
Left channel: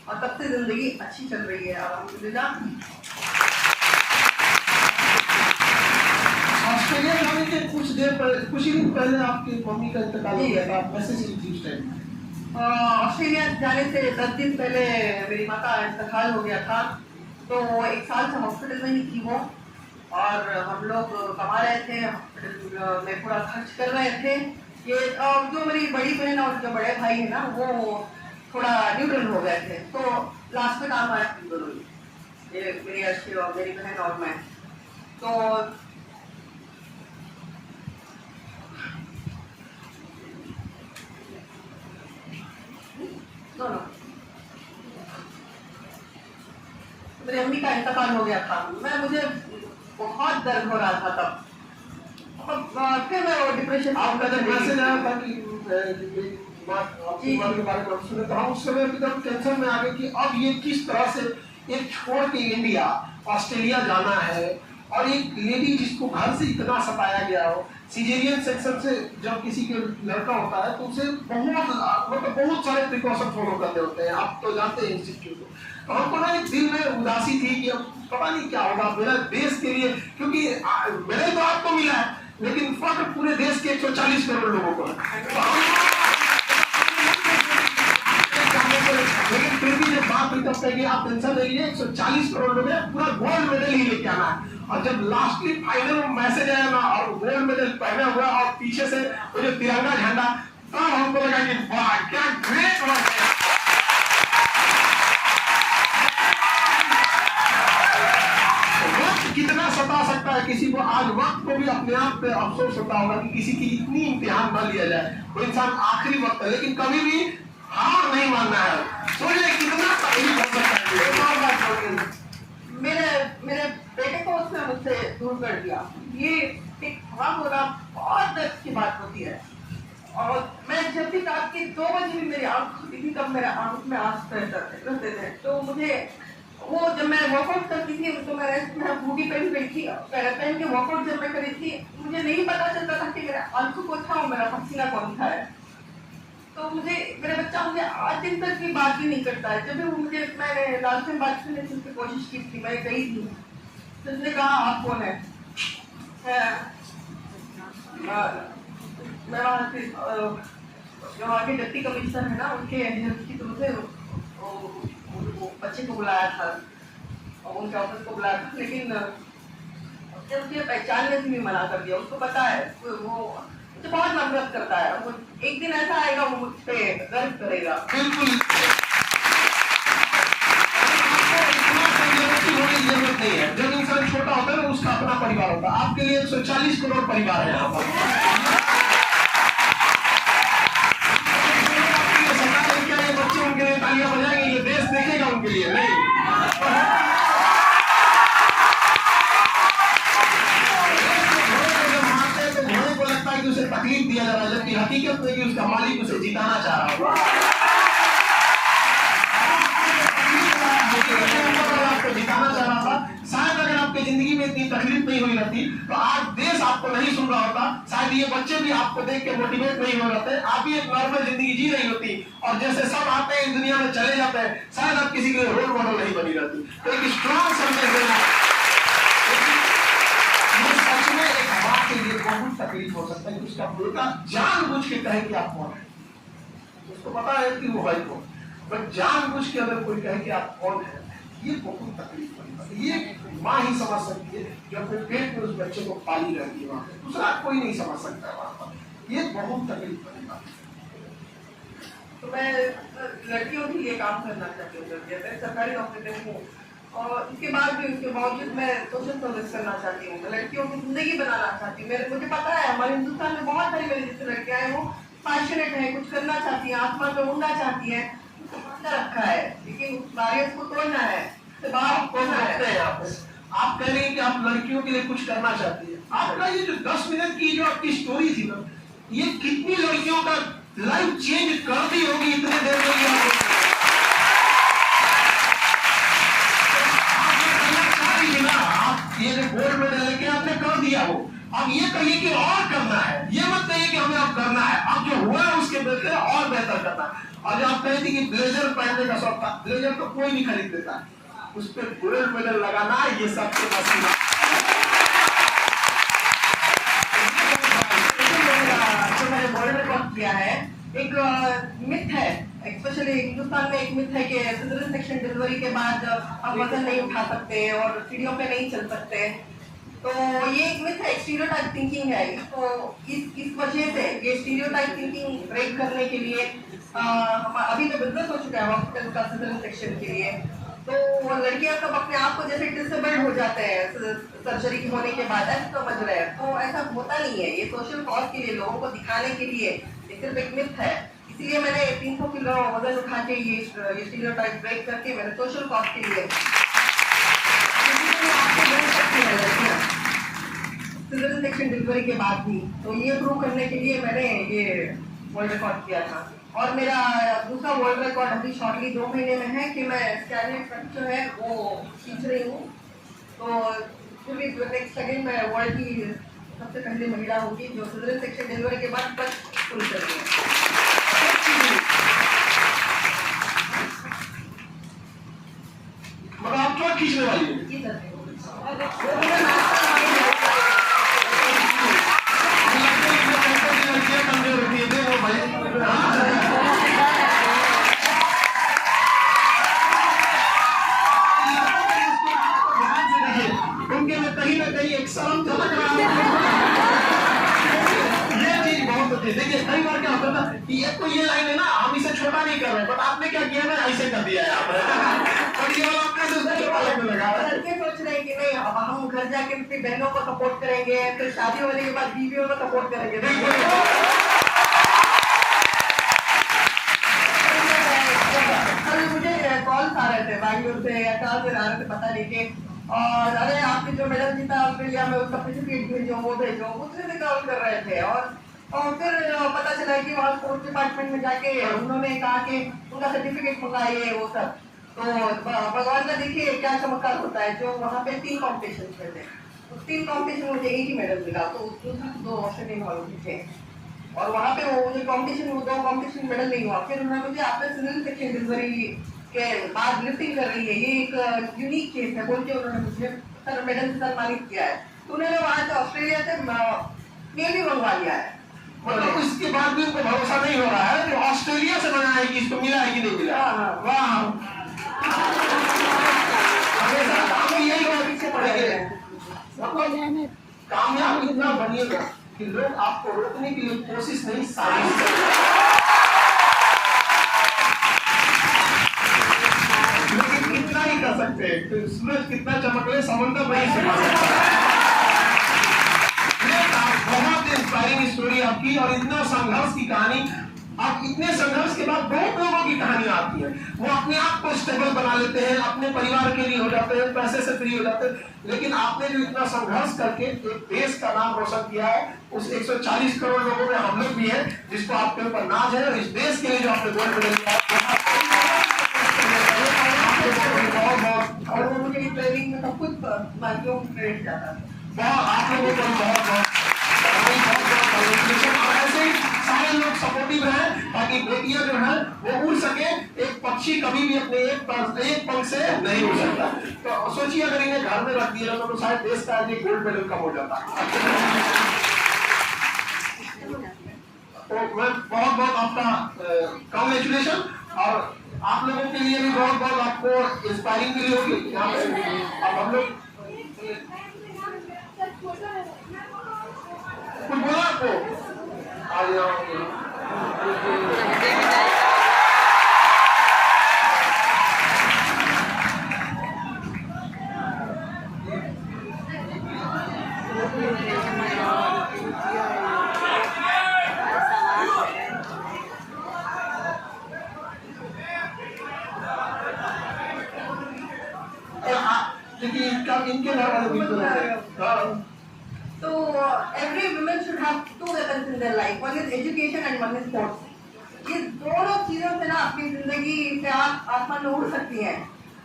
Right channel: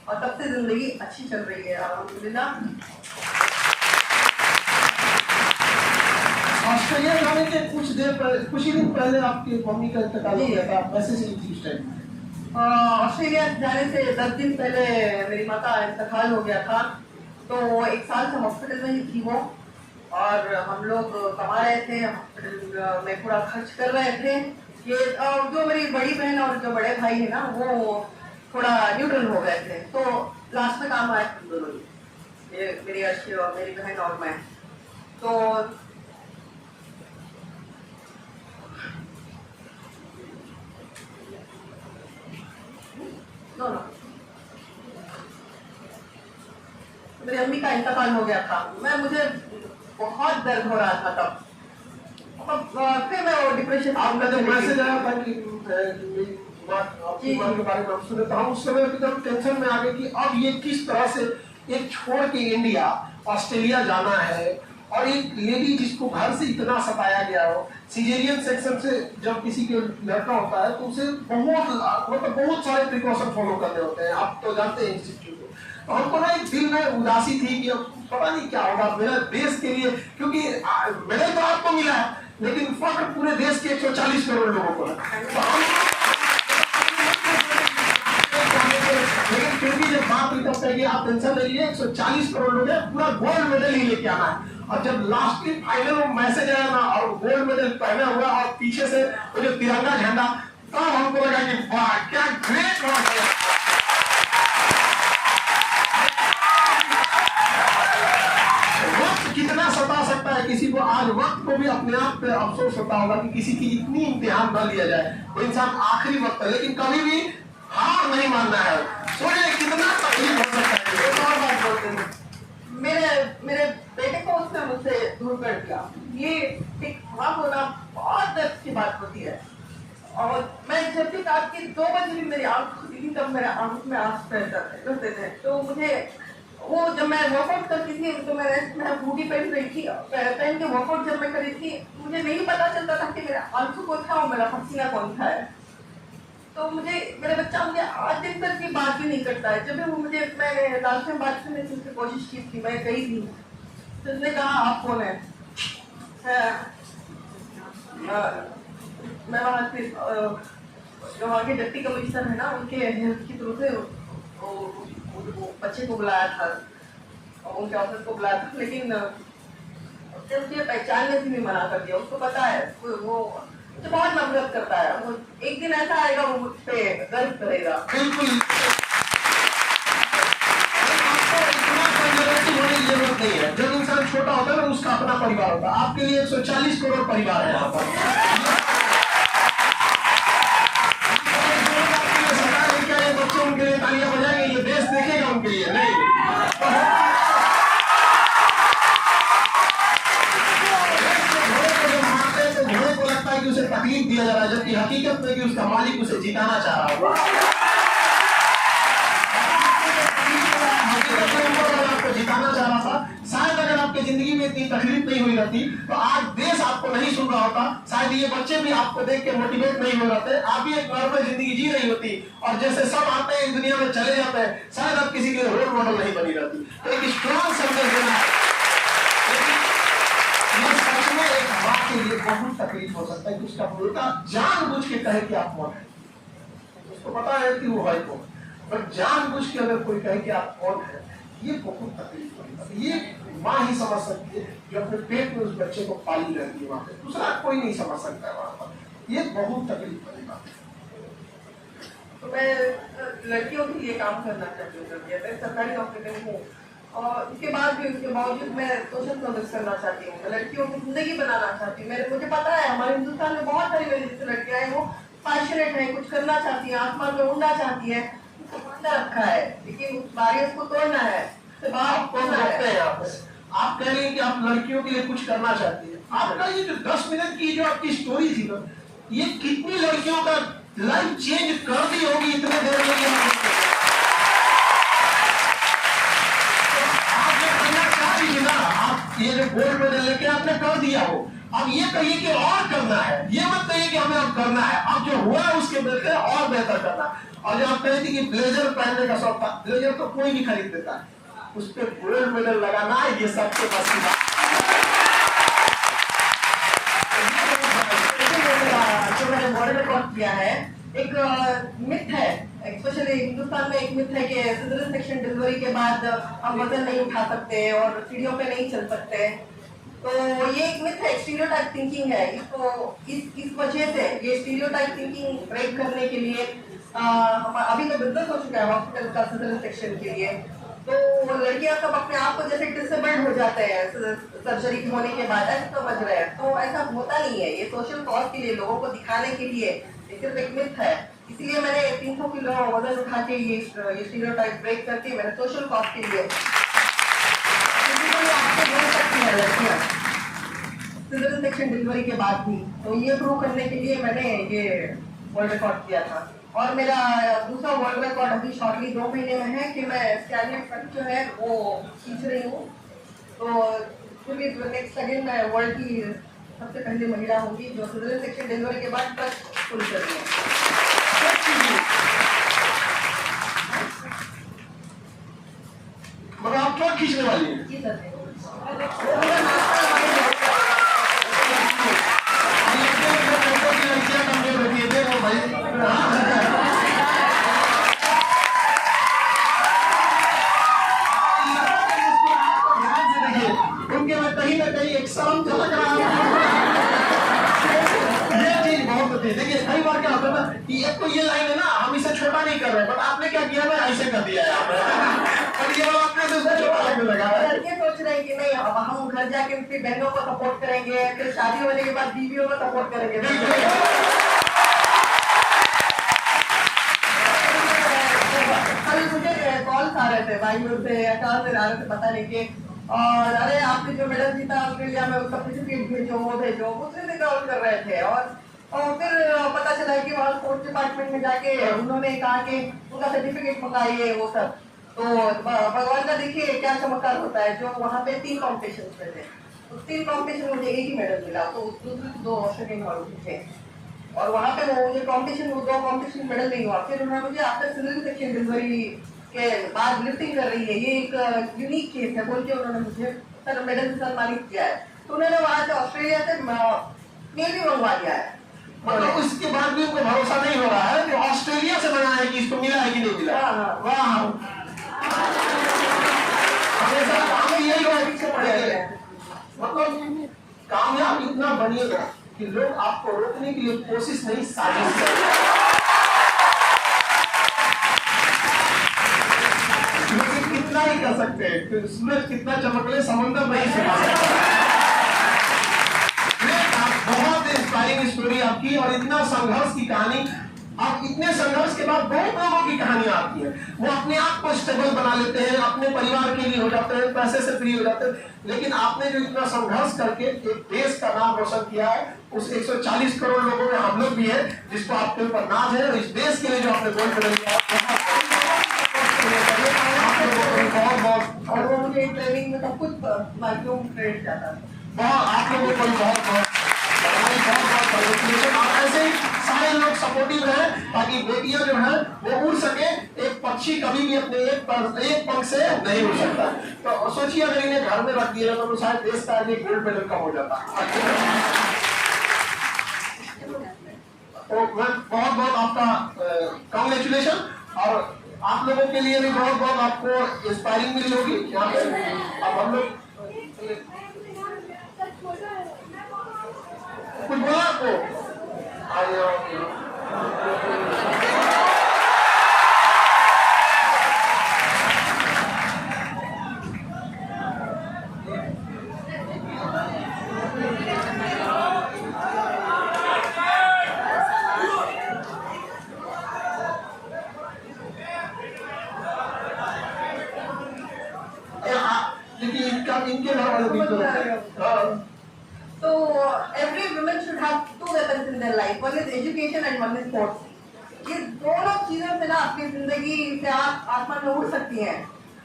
और तब से जिंदगी अच्छी चल रही है अल्हम्दुलिल्लाह। ऑस्ट्रेलिया जाने के कुछ ही दिन पहले आपकी मम्मी का इंतकाल हो गया था, मैसेज थी उस टाइम। ऑस्ट्रेलिया जाने से 10 दिन पहले मेरी माँ का इंतकाल हो गया था। तो 1 साल से हॉस्पिटल में ही थी वो, और हम लोग कमा रहे थे, हॉस्पिटल में पूरा खर्च कर रहे थे। ये जो मेरी बड़ी बहन और जो बड़े भाई है ना वो थोड़ा न्यूट्रल हो गए थे, तो लास्ट में काम आए थे दोनों ही, ये मेरी अर्शी और मेरी बहन और मैं। तो का इंतकाल हो गया था, मुझे बहुत दर्द हो रहा था तब। फिर मैं वो डिप्रेशन आपका जब मैसेज आया था कि आपकी माँ के बारे में हम सुने, तो हम उस समय जब टेंशन में आ गए कि अब ये किस तरह से एक छोड़ के इंडिया ऑस्ट्रेलिया जाना है, और एक लेडी जिसको घर से इतना सताया गया हो। सीजेरियन सेक्शन से जब किसी के लड़का होता है तो उसे बहुत सारे प्रिकॉशन फॉलो करने होते हैं, आप तो जानते हैं इंस्टीट्यूट को। तो हमको ना एक दिल में उदासी थी कि अब पता नहीं क्या होगा मेरा देश के लिए, क्योंकि मेडल तो आपको मिला है लेकिन फख्र पूरे देश के 140 करोड़ लोगों को है। लेकिन फिर भी जब बात हुई तब कि आप टेंशन नहीं लीजिए, 140 करोड़ लोग हैं, पूरा गोल्ड मेडल ही लेके आना है। और जब लास्ट की फाइनल में मैसेज आया ना और गोल्ड मेडल पहना हुआ और पीछे से वो जो तिरंगा झंडा, तब हमको लगा कि वाह क्या ग्रेट बात है। वक्त कितना सता सकता है किसी को, आज वक्त को भी अपने आप पे अफसोस होता होगा कि किसी की इतनी इम्तिहान भर लिया जाए। वो इंसान आखिरी वक्त है लेकिन कभी भी हार नहीं मानना है। सोचिए कितना तकलीफ हो सकता है। मेरे बेटे को उसने मुझसे दूर कर दिया, ये एक माँ होना बहुत दर्द की बात होती है। और मैं जब भी रात के 2 बजे भी मेरी आंख खुली थी तब मेरे आंख में आंसू रहते थे। तो मुझे वो जब मैं वर्कआउट करती थी तो मैं हुडी पहन के वर्कआउट जब मैं करी थी, मुझे नहीं पता चलता था कि मेरा आंसू कौन था और मेरा पसीना कौन था है। तो मेरा बच्चा मुझे आज दिन तक की बात ही नहीं करता है। जब भी वो मैंने लाल से बात करने की कोशिश की थी, मैं गई थी तो उसने कहा आप कौन है? मैं वहाँ से जो वहाँ के डिप्टी कमिश्नर है ना, उनके हेल्थ की तरफ से वो बच्चे को बुलाया था और उनके ऑफिस को बुलाया था, लेकिन मुझे पहचानने से भी मना कर दिया। उसको पता है वो मुझे बहुत नफरत करता है। वो एक दिन ऐसा आएगा वो मुझ पे गर्व करेगा। बिल्कुल जरूरत नहीं है। जब इंसान छोटा होता है ना उसका अपना परिवार होता है। आपके लिए 140 करोड़ परिवार है यहाँ पर। क्या ये बच्चे उनके लिए तालियां बजाएंगे? ये देश देखेगा उनके लिए? नहीं। उसे तकलीफ दिया जा रहा है, जबकि हकीकत में कि उसका मालिक उसे जिताना चाह रहा होगा। आपको जिताना चाह रहा था। शायद अगर आपकी जिंदगी में इतनी तकलीफ नहीं हुई रहती तो आज देश आपको नहीं सुन रहा होता। शायद ये बच्चे भी आपको देख के मोटिवेट नहीं हो रहे थे। आप भी एक नॉर्मल जिंदगी जी रही होती और जैसे सब आते हैं इस दुनिया में चले जाते हैं, शायद आप किसी के लिए रोल मॉडल नहीं बनी रहती। तो एक स्ट्रॉन्ग संदेश देना है। के लिए बहुत तकलीफ हो सकता है कि उसका बेटा जानबूझ के कहे कि आप कौन है। उसको पता है कि वो भाई कौन, बट जानबूझ के अगर कोई कहे कि आप कौन है, ये बहुत तकलीफ वाली बात है। ये माँ ही समझ सकती है जो अपने पेट में उस बच्चे को पाली रहती है वहां पे, दूसरा कोई नहीं समझ सकता है वहां पर। ये बहुत तकलीफ वाली बात है। तो मैं लड़कियों के लिए काम करना चाहती हूँ, मैं सरकारी नौकरी में हूँ और इसके बाद भी उसके बावजूद मैं सोशल सर्विस करना चाहती हूँ, लड़कियों की जिंदगी बनाना चाहती हूँ। मुझे पता है हमारे हिंदुस्तान में बहुत सारी मेरी जैसे लड़कियां हैं, वो पैशनेट है, कुछ करना चाहती है, आसमान में उड़ना चाहती है, उसको रखा है लेकिन आगे उसको तोड़ना है। तो बात तोड़ना है। आप कह रहे हैं कि आप लड़कियों के लिए कुछ करना चाहती है। आपका ये जो 10 मिनट की जो आपकी स्टोरी थी ना, ये कितनी लड़कियों का लाइफ चेंज कर दी होगी इतने देर में। ये जो गोल्ड मेडल लेके आपने कर दिया हो, अब ये कहिए कि और करना है। ये मत कहिए कि हमें अब करना है, अब जो हुआ है उसके बेहतर और बेहतर करना है। और जो आप कहे थे कि ब्लेजर पहनने का शौक था, ब्लेजर तो कोई नहीं खरीद देता है, उस पर गोल्ड मेडल लगाना ये सबसे बस की बात। जो मैंने बॉर्डर में वर्क किया है, एक मिथ है, स्पेशली हिंदुस्तान में एक मिथ है कि सिजरियन सेक्शन डिलीवरी के बाद हम वजन नहीं उठा सकते और सीढ़ियों पे नहीं चल सकते। तो ये एक मिथ है, स्टीरियोटाइप थिंकिंग है। इसको इस वजह से ये स्टीरियोटाइप थिंकिंग ब्रेक करने के लिए अभी तो बिजनेस हो चुका है हॉस्पिटल का सिजरियन सेक्शन के लिए। तो लड़कियां सब अपने आप को जैसे डिसेबल्ड हो जाते हैं सर्जरी होने के बाद, ऐसा समझ रहे हैं। तो ऐसा होता नहीं है, ये सोशल कॉज के लिए, लोगों को दिखाने के लिए सिर्फ एक मिथ है। इसलिए मैंने 300 किलो वजन उठा के ये स्टीरियोटाइप ब्रेक करके मैंने सोशल कॉज के लिए से मिल सकती हैं लड़कियाँ सिजर सेक्शन डिलीवरी के बाद भी। तो ये प्रूव करने के लिए मैंने ये वर्ल्ड रिकॉर्ड किया था। और मेरा दूसरा वर्ल्ड रिकॉर्ड अभी शॉर्टली 2 महीने में है कि मैं स्कैनिंग तक जो है वो सीख रही हूँ। तो फिर भी नेक्स्ट अगेन मैं वर्ल्ड की सबसे पहली महिला होगी जो सिजर सेक्शन डिलीवरी के बाद तक पूरी कर रही है। मगर आप क्या खींचने वाली है? जी सर। लड़कियां कमजोर होती है वो भाई। उनके में कहीं ना कहीं एक शर्म झलक रहा है। ये चीज बहुत होती है। देखिए कई बार क्या होता है ना कि एक तो ये लाइन है ना, हम इसे छोटा नहीं कर रहे, बट आपने क्या किया ना, ऐसे कर दिया है आपने। और ये वाला आपने दूसरा छोटा लगने लगा है। लड़के सोच रहे हैं कि नहीं अब हम घर जाके अपनी बहनों को सपोर्ट करेंगे, फिर शादी होने के बाद बीवियों को सपोर्ट करेंगे। कल मुझे कॉल्स आ रहे थे भाइयों से या कहाँ से आ रहे थे पता नहीं के, और अरे आपने जो मेडल जीता ऑस्ट्रेलिया में उसका सर्टिफिकेट भेजो वो भेजो, मुझसे भी कॉल कर रहे थे। और फिर पता चला कि वहाँ स्पोर्ट्स डिपार्टमेंट में जाके उन्होंने कहा कि उनका सर्टिफिकेट मंगाइए वो सब। तो भगवान का देखिए क्या चमत्कार होता है। जो वहाँ पे 3 कॉम्पिटिशन में थे, उस 3 कॉम्पिटिशन में मुझे 1 ही मेडल मिला। तो दूसरे 2 ऑस्ट्रेलियन वाले थे और वहाँ पे वो मुझे कॉम्पिटिशन, वो 2 कॉम्पिटिशन मेडल नहीं हुआ। फिर उन्होंने मुझे आफ्टर सिजर सेक्शन डिलीवरी के बाद लिफ्टिंग कर रही है, ये एक यूनिक केस है बोल के उन्होंने मुझे सर मेडल से सम्मानित किया है। तो उन्होंने वहाँ से ऑस्ट्रेलिया से मेल भी मंगवा लिया है। मतलब इसके बाद भी उनको भरोसा नहीं हो रहा है कि ऑस्ट्रेलिया से बना है कि इसको मिला है कि नहीं मिला। वाह, हमें यही पीछे पड़ेगा। मतलब कामयाब इतना बनिएगा कि लोग आपको रोकने के लिए कोशिश नहीं, साजिश करेंगे। लेकिन इतना ही कर सकते हैं कि सूरज कितना चमकले समंदर नहीं सुखा सकता। बहुत इंस्पायरिंग स्टोरी आपकी और इतना संघर्ष की कहानी। आप इतने संघर्ष के बाद बहुत लोगों की कहानी आती है, वो अपने आप को स्टेबल बना लेते हैं, अपने परिवार के लिए हो जाते हैं, पैसे से फ्री हो जाते हैं। लेकिन आपने जो इतना संघर्ष करके एक देश का नाम रोशन किया है, उस 140 करोड़ लोगों में हम लोग भी हैं जिसको आपके ऊपर नाज है। और इस देश के लिए जो आपने गोल्ड मेडल लिया बहुत और वो मुझे ट्रेनिंग में सब कुछ बाकियों को क्रेडिट जाता है। बहुत आप लोगों को बहुत ऐसे ही सारे लोग सपोर्टिव हैं ताकि बेटियां जो है वो उड़ सके। एक पक्षी कभी भी अपने एक पंख से नहीं उड़ सकता। तो सोचिए अगर इन्हें घर में रख दिया तो शायद देश का गोल्ड मेडल कम हो जाता। तो मैं बहुत बहुत आपका कॉन्ग्रेचुलेशन। और आप लोगों के लिए भी बहुत बहुत आपको इंस्पायरिंग मिली होगी। यहाँ पे अब हम लोग कुछ बोला आपको लेकिन इनके घर वाले भी तो every woman should have 2 weapons in their life. One is education and one is sports. ये दोनों चीजों से ना आपकी जिंदगी से आप आसमान में उड़ सकती हैं।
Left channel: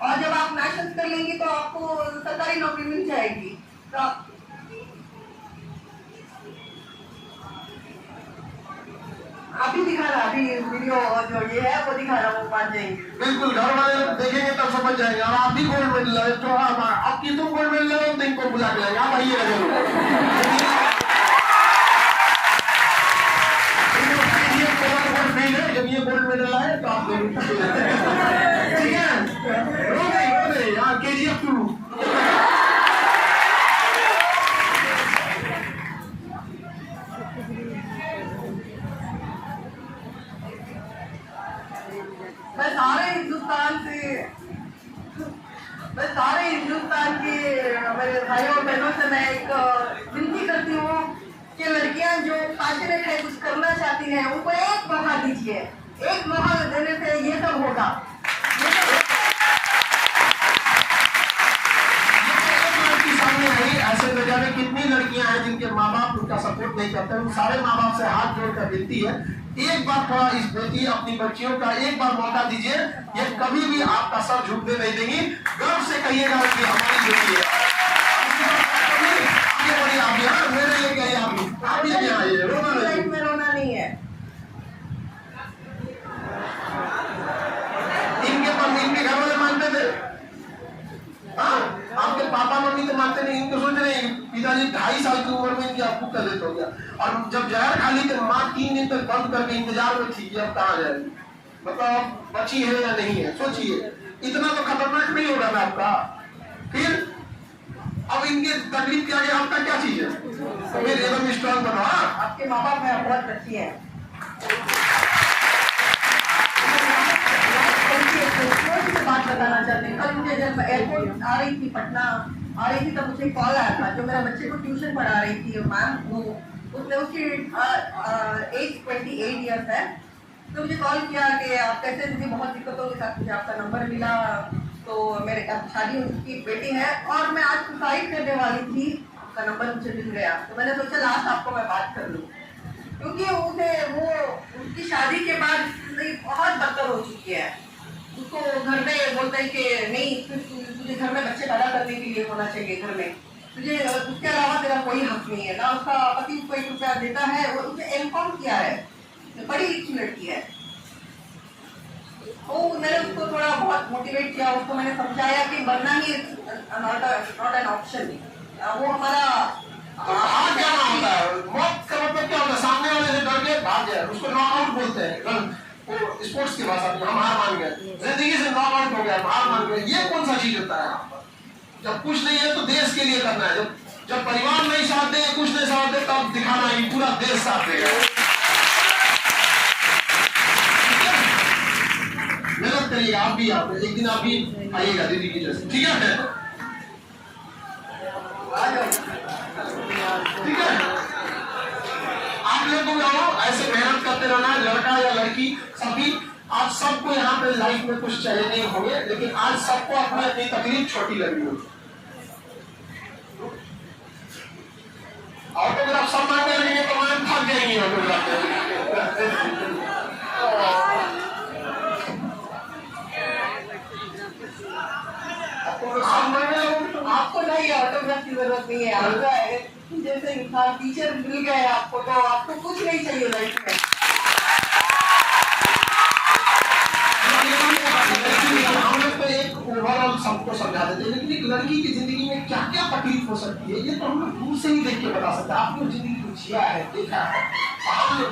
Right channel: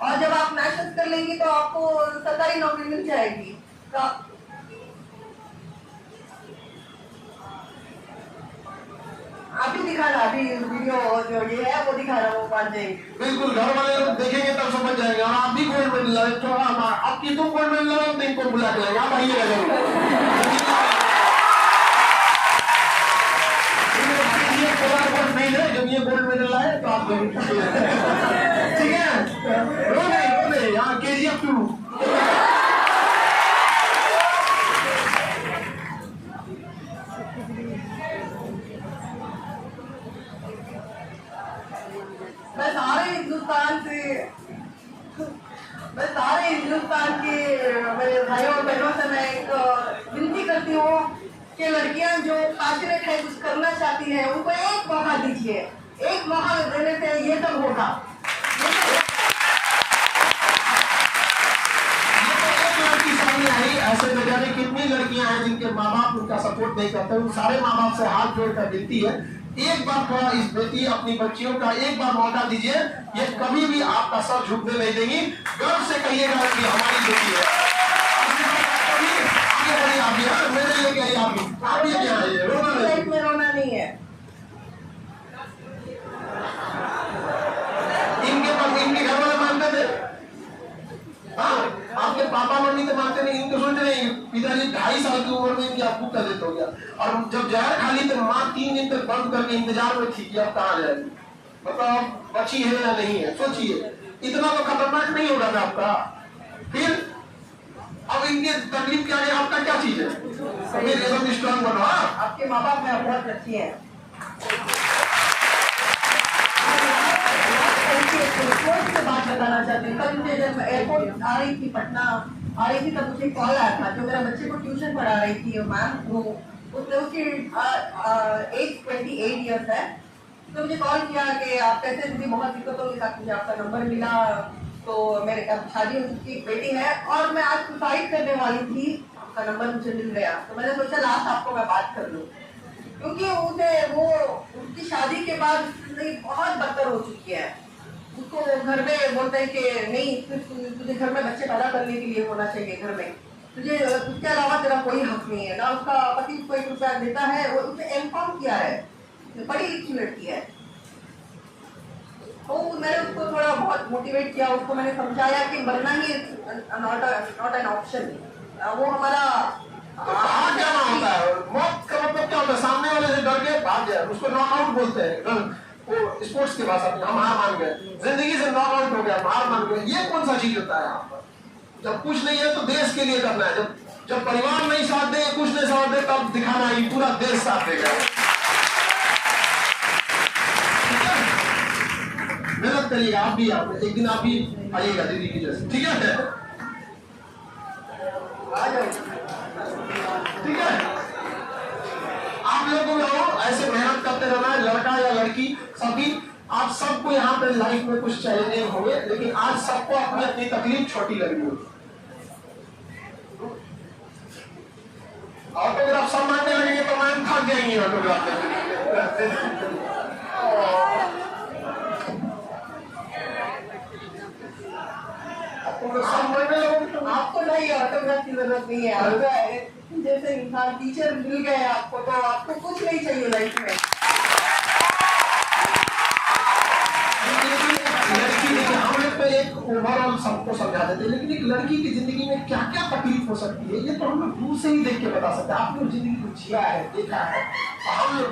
और जब आप मैशअप कर लेंगी तो आपको सरकारी नौकरी मिल जाएगी। तो अभी दिखा रहा, अभी वीडियो जो ये है वो दिखा रहा हूँ 5 जाएंगे। बिल्कुल घर वाले लोग देखेंगे तब समझ जाएंगे। और आप भी गोल्ड मेडल लाए तो आपकी तुम गोल्ड मेडल लाए तो इनको बुला के लाएंगे। आप आइएगा जरूर। नहीं है जब ये गोल्ड मेडल लाए तो आप जरूर ठीक है। रो नहीं यहाँ KGF 2 मैं सारे हिंदुस्तान के मेरे भाइयों और बहनों से मैं एक विनती करती हूँ कि लड़कियां जो पैशनेट है, कुछ करना चाहती हैं, उनको एक मौका दीजिए। एक मौका देने से ये सब होगा। ऐसे न जाने कितनी लड़कियां हैं जिनके माँ बाप उनका सपोर्ट नहीं करते। उन सारे माँ बाप से हाथ जोड़कर विनती है, एक बार थोड़ा इस बेटी अपनी बच्चियों का एक बार मौका दीजिए। ये कभी भी आपका सर झुकने नहीं देंगी। गर्व से कहिएगा कि हमारी बेटी है। आगे बढ़िए आप भी, मेरे लिए कहिए आप भी आइए, रोना नहीं। में रोना नहीं है। इनके घर वाले मानते थे, हाँ आपके पापा मम्मी तो मानते नहीं। इनको सोच रहे पिताजी 2.5 साल की उम्र में इनकी आपको का डेथ हो गया, और जब जहर खा ली तो माँ 3 दिन तक बंद करके इंतजार में थी कि अब कहाँ जाएगी, मतलब बची है या नहीं है। सोचिए इतना तो खतरनाक नहीं होगा ना आपका। फिर अब इनके तकलीफ क्या है, आपका क्या चीज है? फिर एकदम स्ट्रॉन्ग बनो। आपके माँ बाप हैं बहुत अच्छी है। बात बताना चाहते हैं, कल मुझे जब एयरपोर्ट आ रही थी, पटना आ रही थी, तब मुझे कॉल आया था। जो मेरा बच्चे को ट्यूशन पढ़ा रही थी मैम, वो उसने उसकी एज 28 ईयर्स है, तो मुझे कॉल किया कि आप कैसे दीदी, बहुत दिक्कतों के साथ मुझे आपका नंबर मिला, तो मेरे अब शादी उसकी बेटी है और मैं आज सुसाइड करने वाली थी, आपका नंबर मुझे मिल गया, तो मैंने सोचा लास्ट आपको मैं बात कर लूँ, क्योंकि उसे वो उसकी शादी के बाद जिंदगी बहुत बदतर हो चुकी है। उसको घर में बोलते हैं कि नहीं, तुझे घर में बच्चे पैदा करने के लिए होना चाहिए, घर में तुझे उसके अलावा तेरा कोई हक नहीं है ना। उसका पति उसको 1 रुपया देता है, वो उसने एमकॉम किया है, बड़ी लिखी लड़की है। तो मैंने उसको थोड़ा बहुत मोटिवेट किया, उसको मैंने समझाया कि मरना ही नॉट एन ऑप्शन। वो हमारा क्या होता है, मौत का मतलब क्या होता है? सामने वाले से डर के भाग गया, उसको नॉकआउट बोलते हैं। वो स्पोर्ट्स की भाषा में हम हार मान गए, जिंदगी से नॉकआउट हो गया, हार मान गए। ये कौन सा चीज होता है यहाँ पर? जब कुछ नहीं है तो देश के लिए करना है। जब परिवार नहीं साथ दे, कुछ नहीं साथ दे, तब दिखाना है पूरा देश साथ देगा। मेहनत करिएगा आप भी, आप एक दिन आप भी आइएगा दीदी की जैसे, ठीक है? ठीक है, आप लोग को ऐसे मेहनत करते रहना, लड़का या लड़की सभी। आप सबको यहाँ पे लाइफ में कुछ चैलेंजिंग होंगे, लेकिन आज सबको अपनी अपनी तकलीफ छोटी लगी होगी। ऑटोग्राफ सब मांगने लगेंगे तो मैम थक जाएंगे ऑटोग्राफ। आपको नहीं ऑटोग्राफ की जरूरत नहीं है। जैसे इंसान टीचर मिल गए आपको, तो आपको कुछ नहीं चाहिए लाइफ में। हम लोग तो एक ओवरऑल सबको समझा देते हैं, लेकिन एक लड़की की जिंदगी में क्या क्या तकलीफ हो सकती है ये तो हम लोग दूर से ही देख के बता सकते हैं। आपने जिंदगी को जिया है, देखा है। हम लोग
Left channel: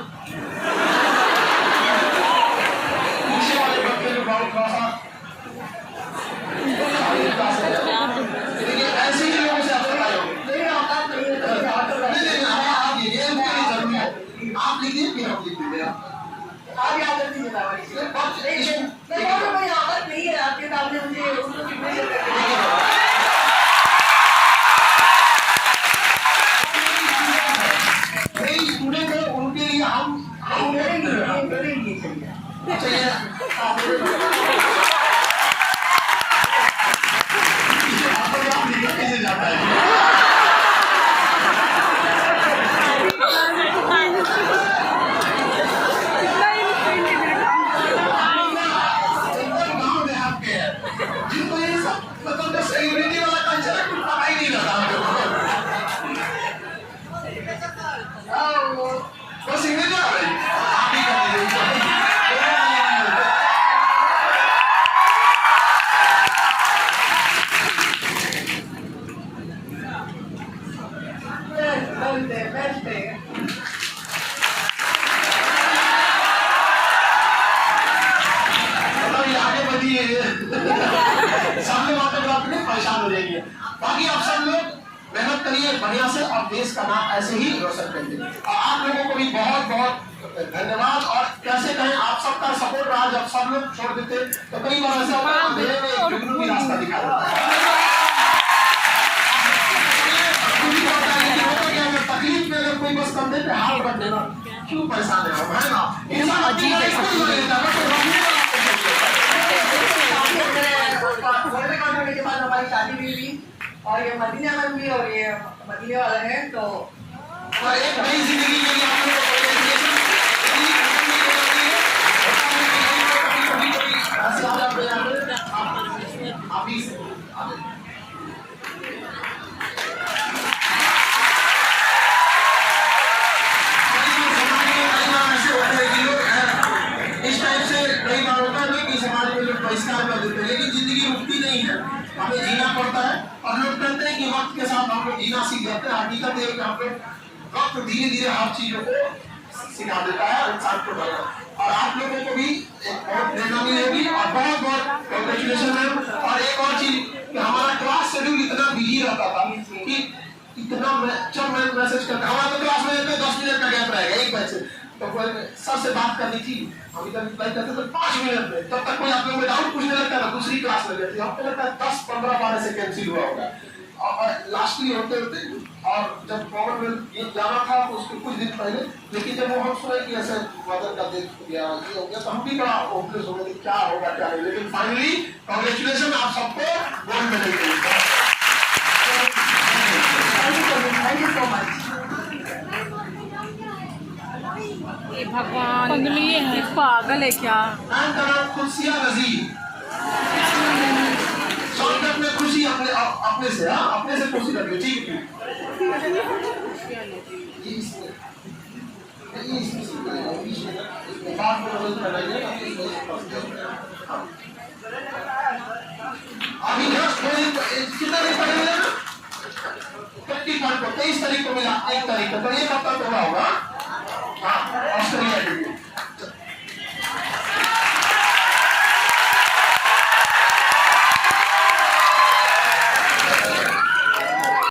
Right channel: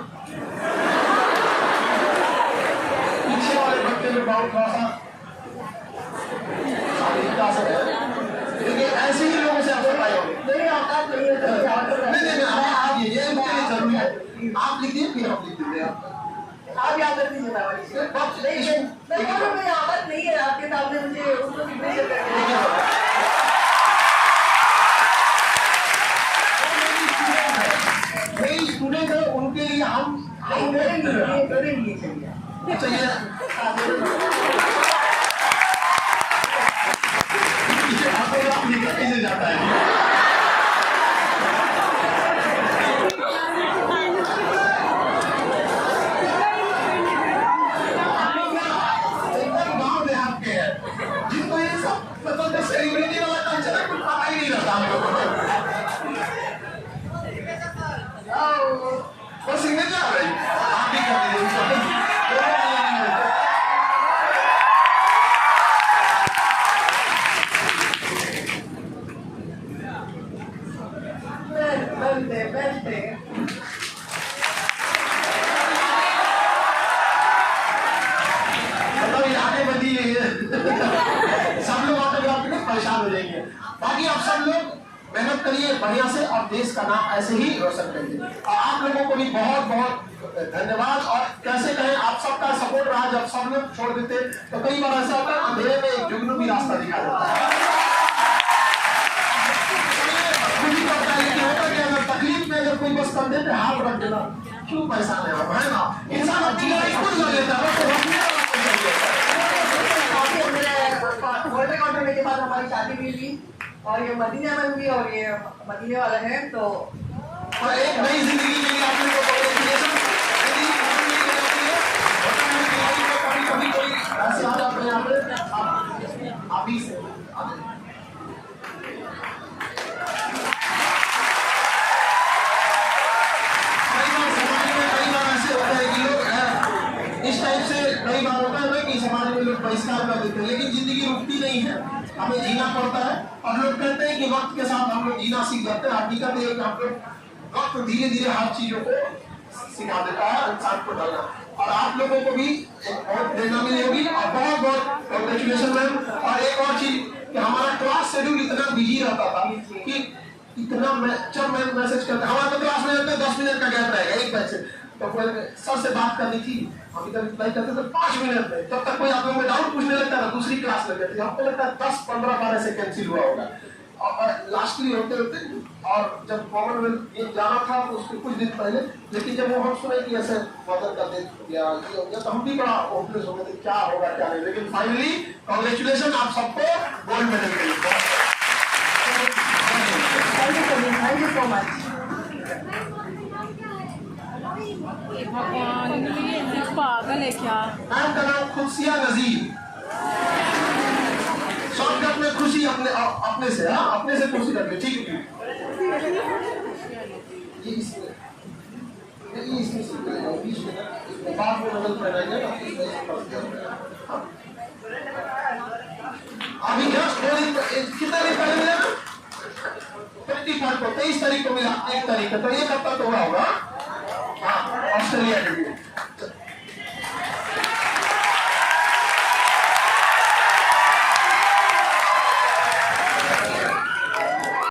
पीछे वाले बच्चे जो बहुत थोड़ा सा देखिए ऐसे ही लोगों से आप पाए होंगे। नहीं आप लिखिए, आप लिखिए फिर हम लिख देंगे। आप याद रखिए आदत नहीं है आपके सामने मुझे स्टूडेंट है, उनके लिए हम कैसे जाता है? सेलिब्रिटी वाला कल्चर है, कुछ पता ही नहीं रहता हमको। बस इंग्लिश आ रही, आप भी कर दीजिए। सब लोग ऑटोग्राफ में परेशान हो जाएंगे। बाकी आप सब लोग मेहनत करिए बढ़िया से, और देश का नाम ऐसे ही रोशन करिए। और आप लोगों को भी बहुत बहुत धन्यवाद। और कैसे कहें, आप सबका सपोर्ट रहा। जब सब लोग छोड़ देते तो कई बार ऐसा होता है, अंधेरे में जुगनू भी रास्ता दिखा देता है। तकलीफ में अगर कोई बस कंधे पे हाथ रख देना, क्यों परेशान है ना? के बाद हमारी शादी भी हुई। और ये मदीना में हुई और ये मदीने वाला है तो और एक नई जिंदगी के लिए आप लोगों को congratulations। कभी कोई ऐसे आ जाते हैं आप ही से इस टाइप से कई बार होता है ना कि समाज में लोग बहिष्कार कर देते हैं, लेकिन जिंदगी रुकती नहीं है, हमें जीना पड़ता है। और लोग कहते हैं कि वक्त के साथ हम लोग जीना सीख जाते हैं। हकीकत है कि हम लोग वक्त धीरे धीरे हर चीजों को सिखा देता है इंसान को बढ़ाना। और आप लोगों को भी एक बहुत प्रेरणा मिलेगी और बहुत बहुत कॉन्ग्रेचुलेशन मैम। और एक और चीज कि हमारा क्लास शेड्यूल इतना बिजी रहता था कि इतना जब मैं मैसेज करता हमारा तो क्लास में 10 मिनट का गैप रहेगा एक बैच से, तो कोई सर से बात करनी थी अभी तक रिप्लाई करते तो 5 मिनट में, तब तक कोई आप लोगों में डाउट पूछने लगता था, दूसरी क्लास लग जाती है, हमको लगता है 10 15 12 से कैंसिल हुआ होगा। और लास्टली होते होते और जब कॉमनवेल्थ गेम जाना था तो उसके कुछ दिन पहले, लेकिन जब वो हम सुने कि ऐसे मदद का दे दिया ये हो गया तो हम भी बड़ा होपलेस हो गए कि क्या होगा क्या नहीं। लेकिन फाइनली कांग्रेचुलेशन आप सबको गोल्ड मेडल के लिए। Thank you so much. ये भगवान ये है पागल है क्या? नाम का नाम खुशिया नजीर। शॉर्टकट में खुशी अपने से, हाँ अपने से खुशी रख लो, ठीक है। ये इसमें बाद में मदद बनाइए। अभी कितना दिन पहले मिला ना? 25 को 23 तारीख को मिला, 1 तारीख को, तो ये कब तक हो रहा होगा? हाँ ऑस्ट्रेलिया के लिए।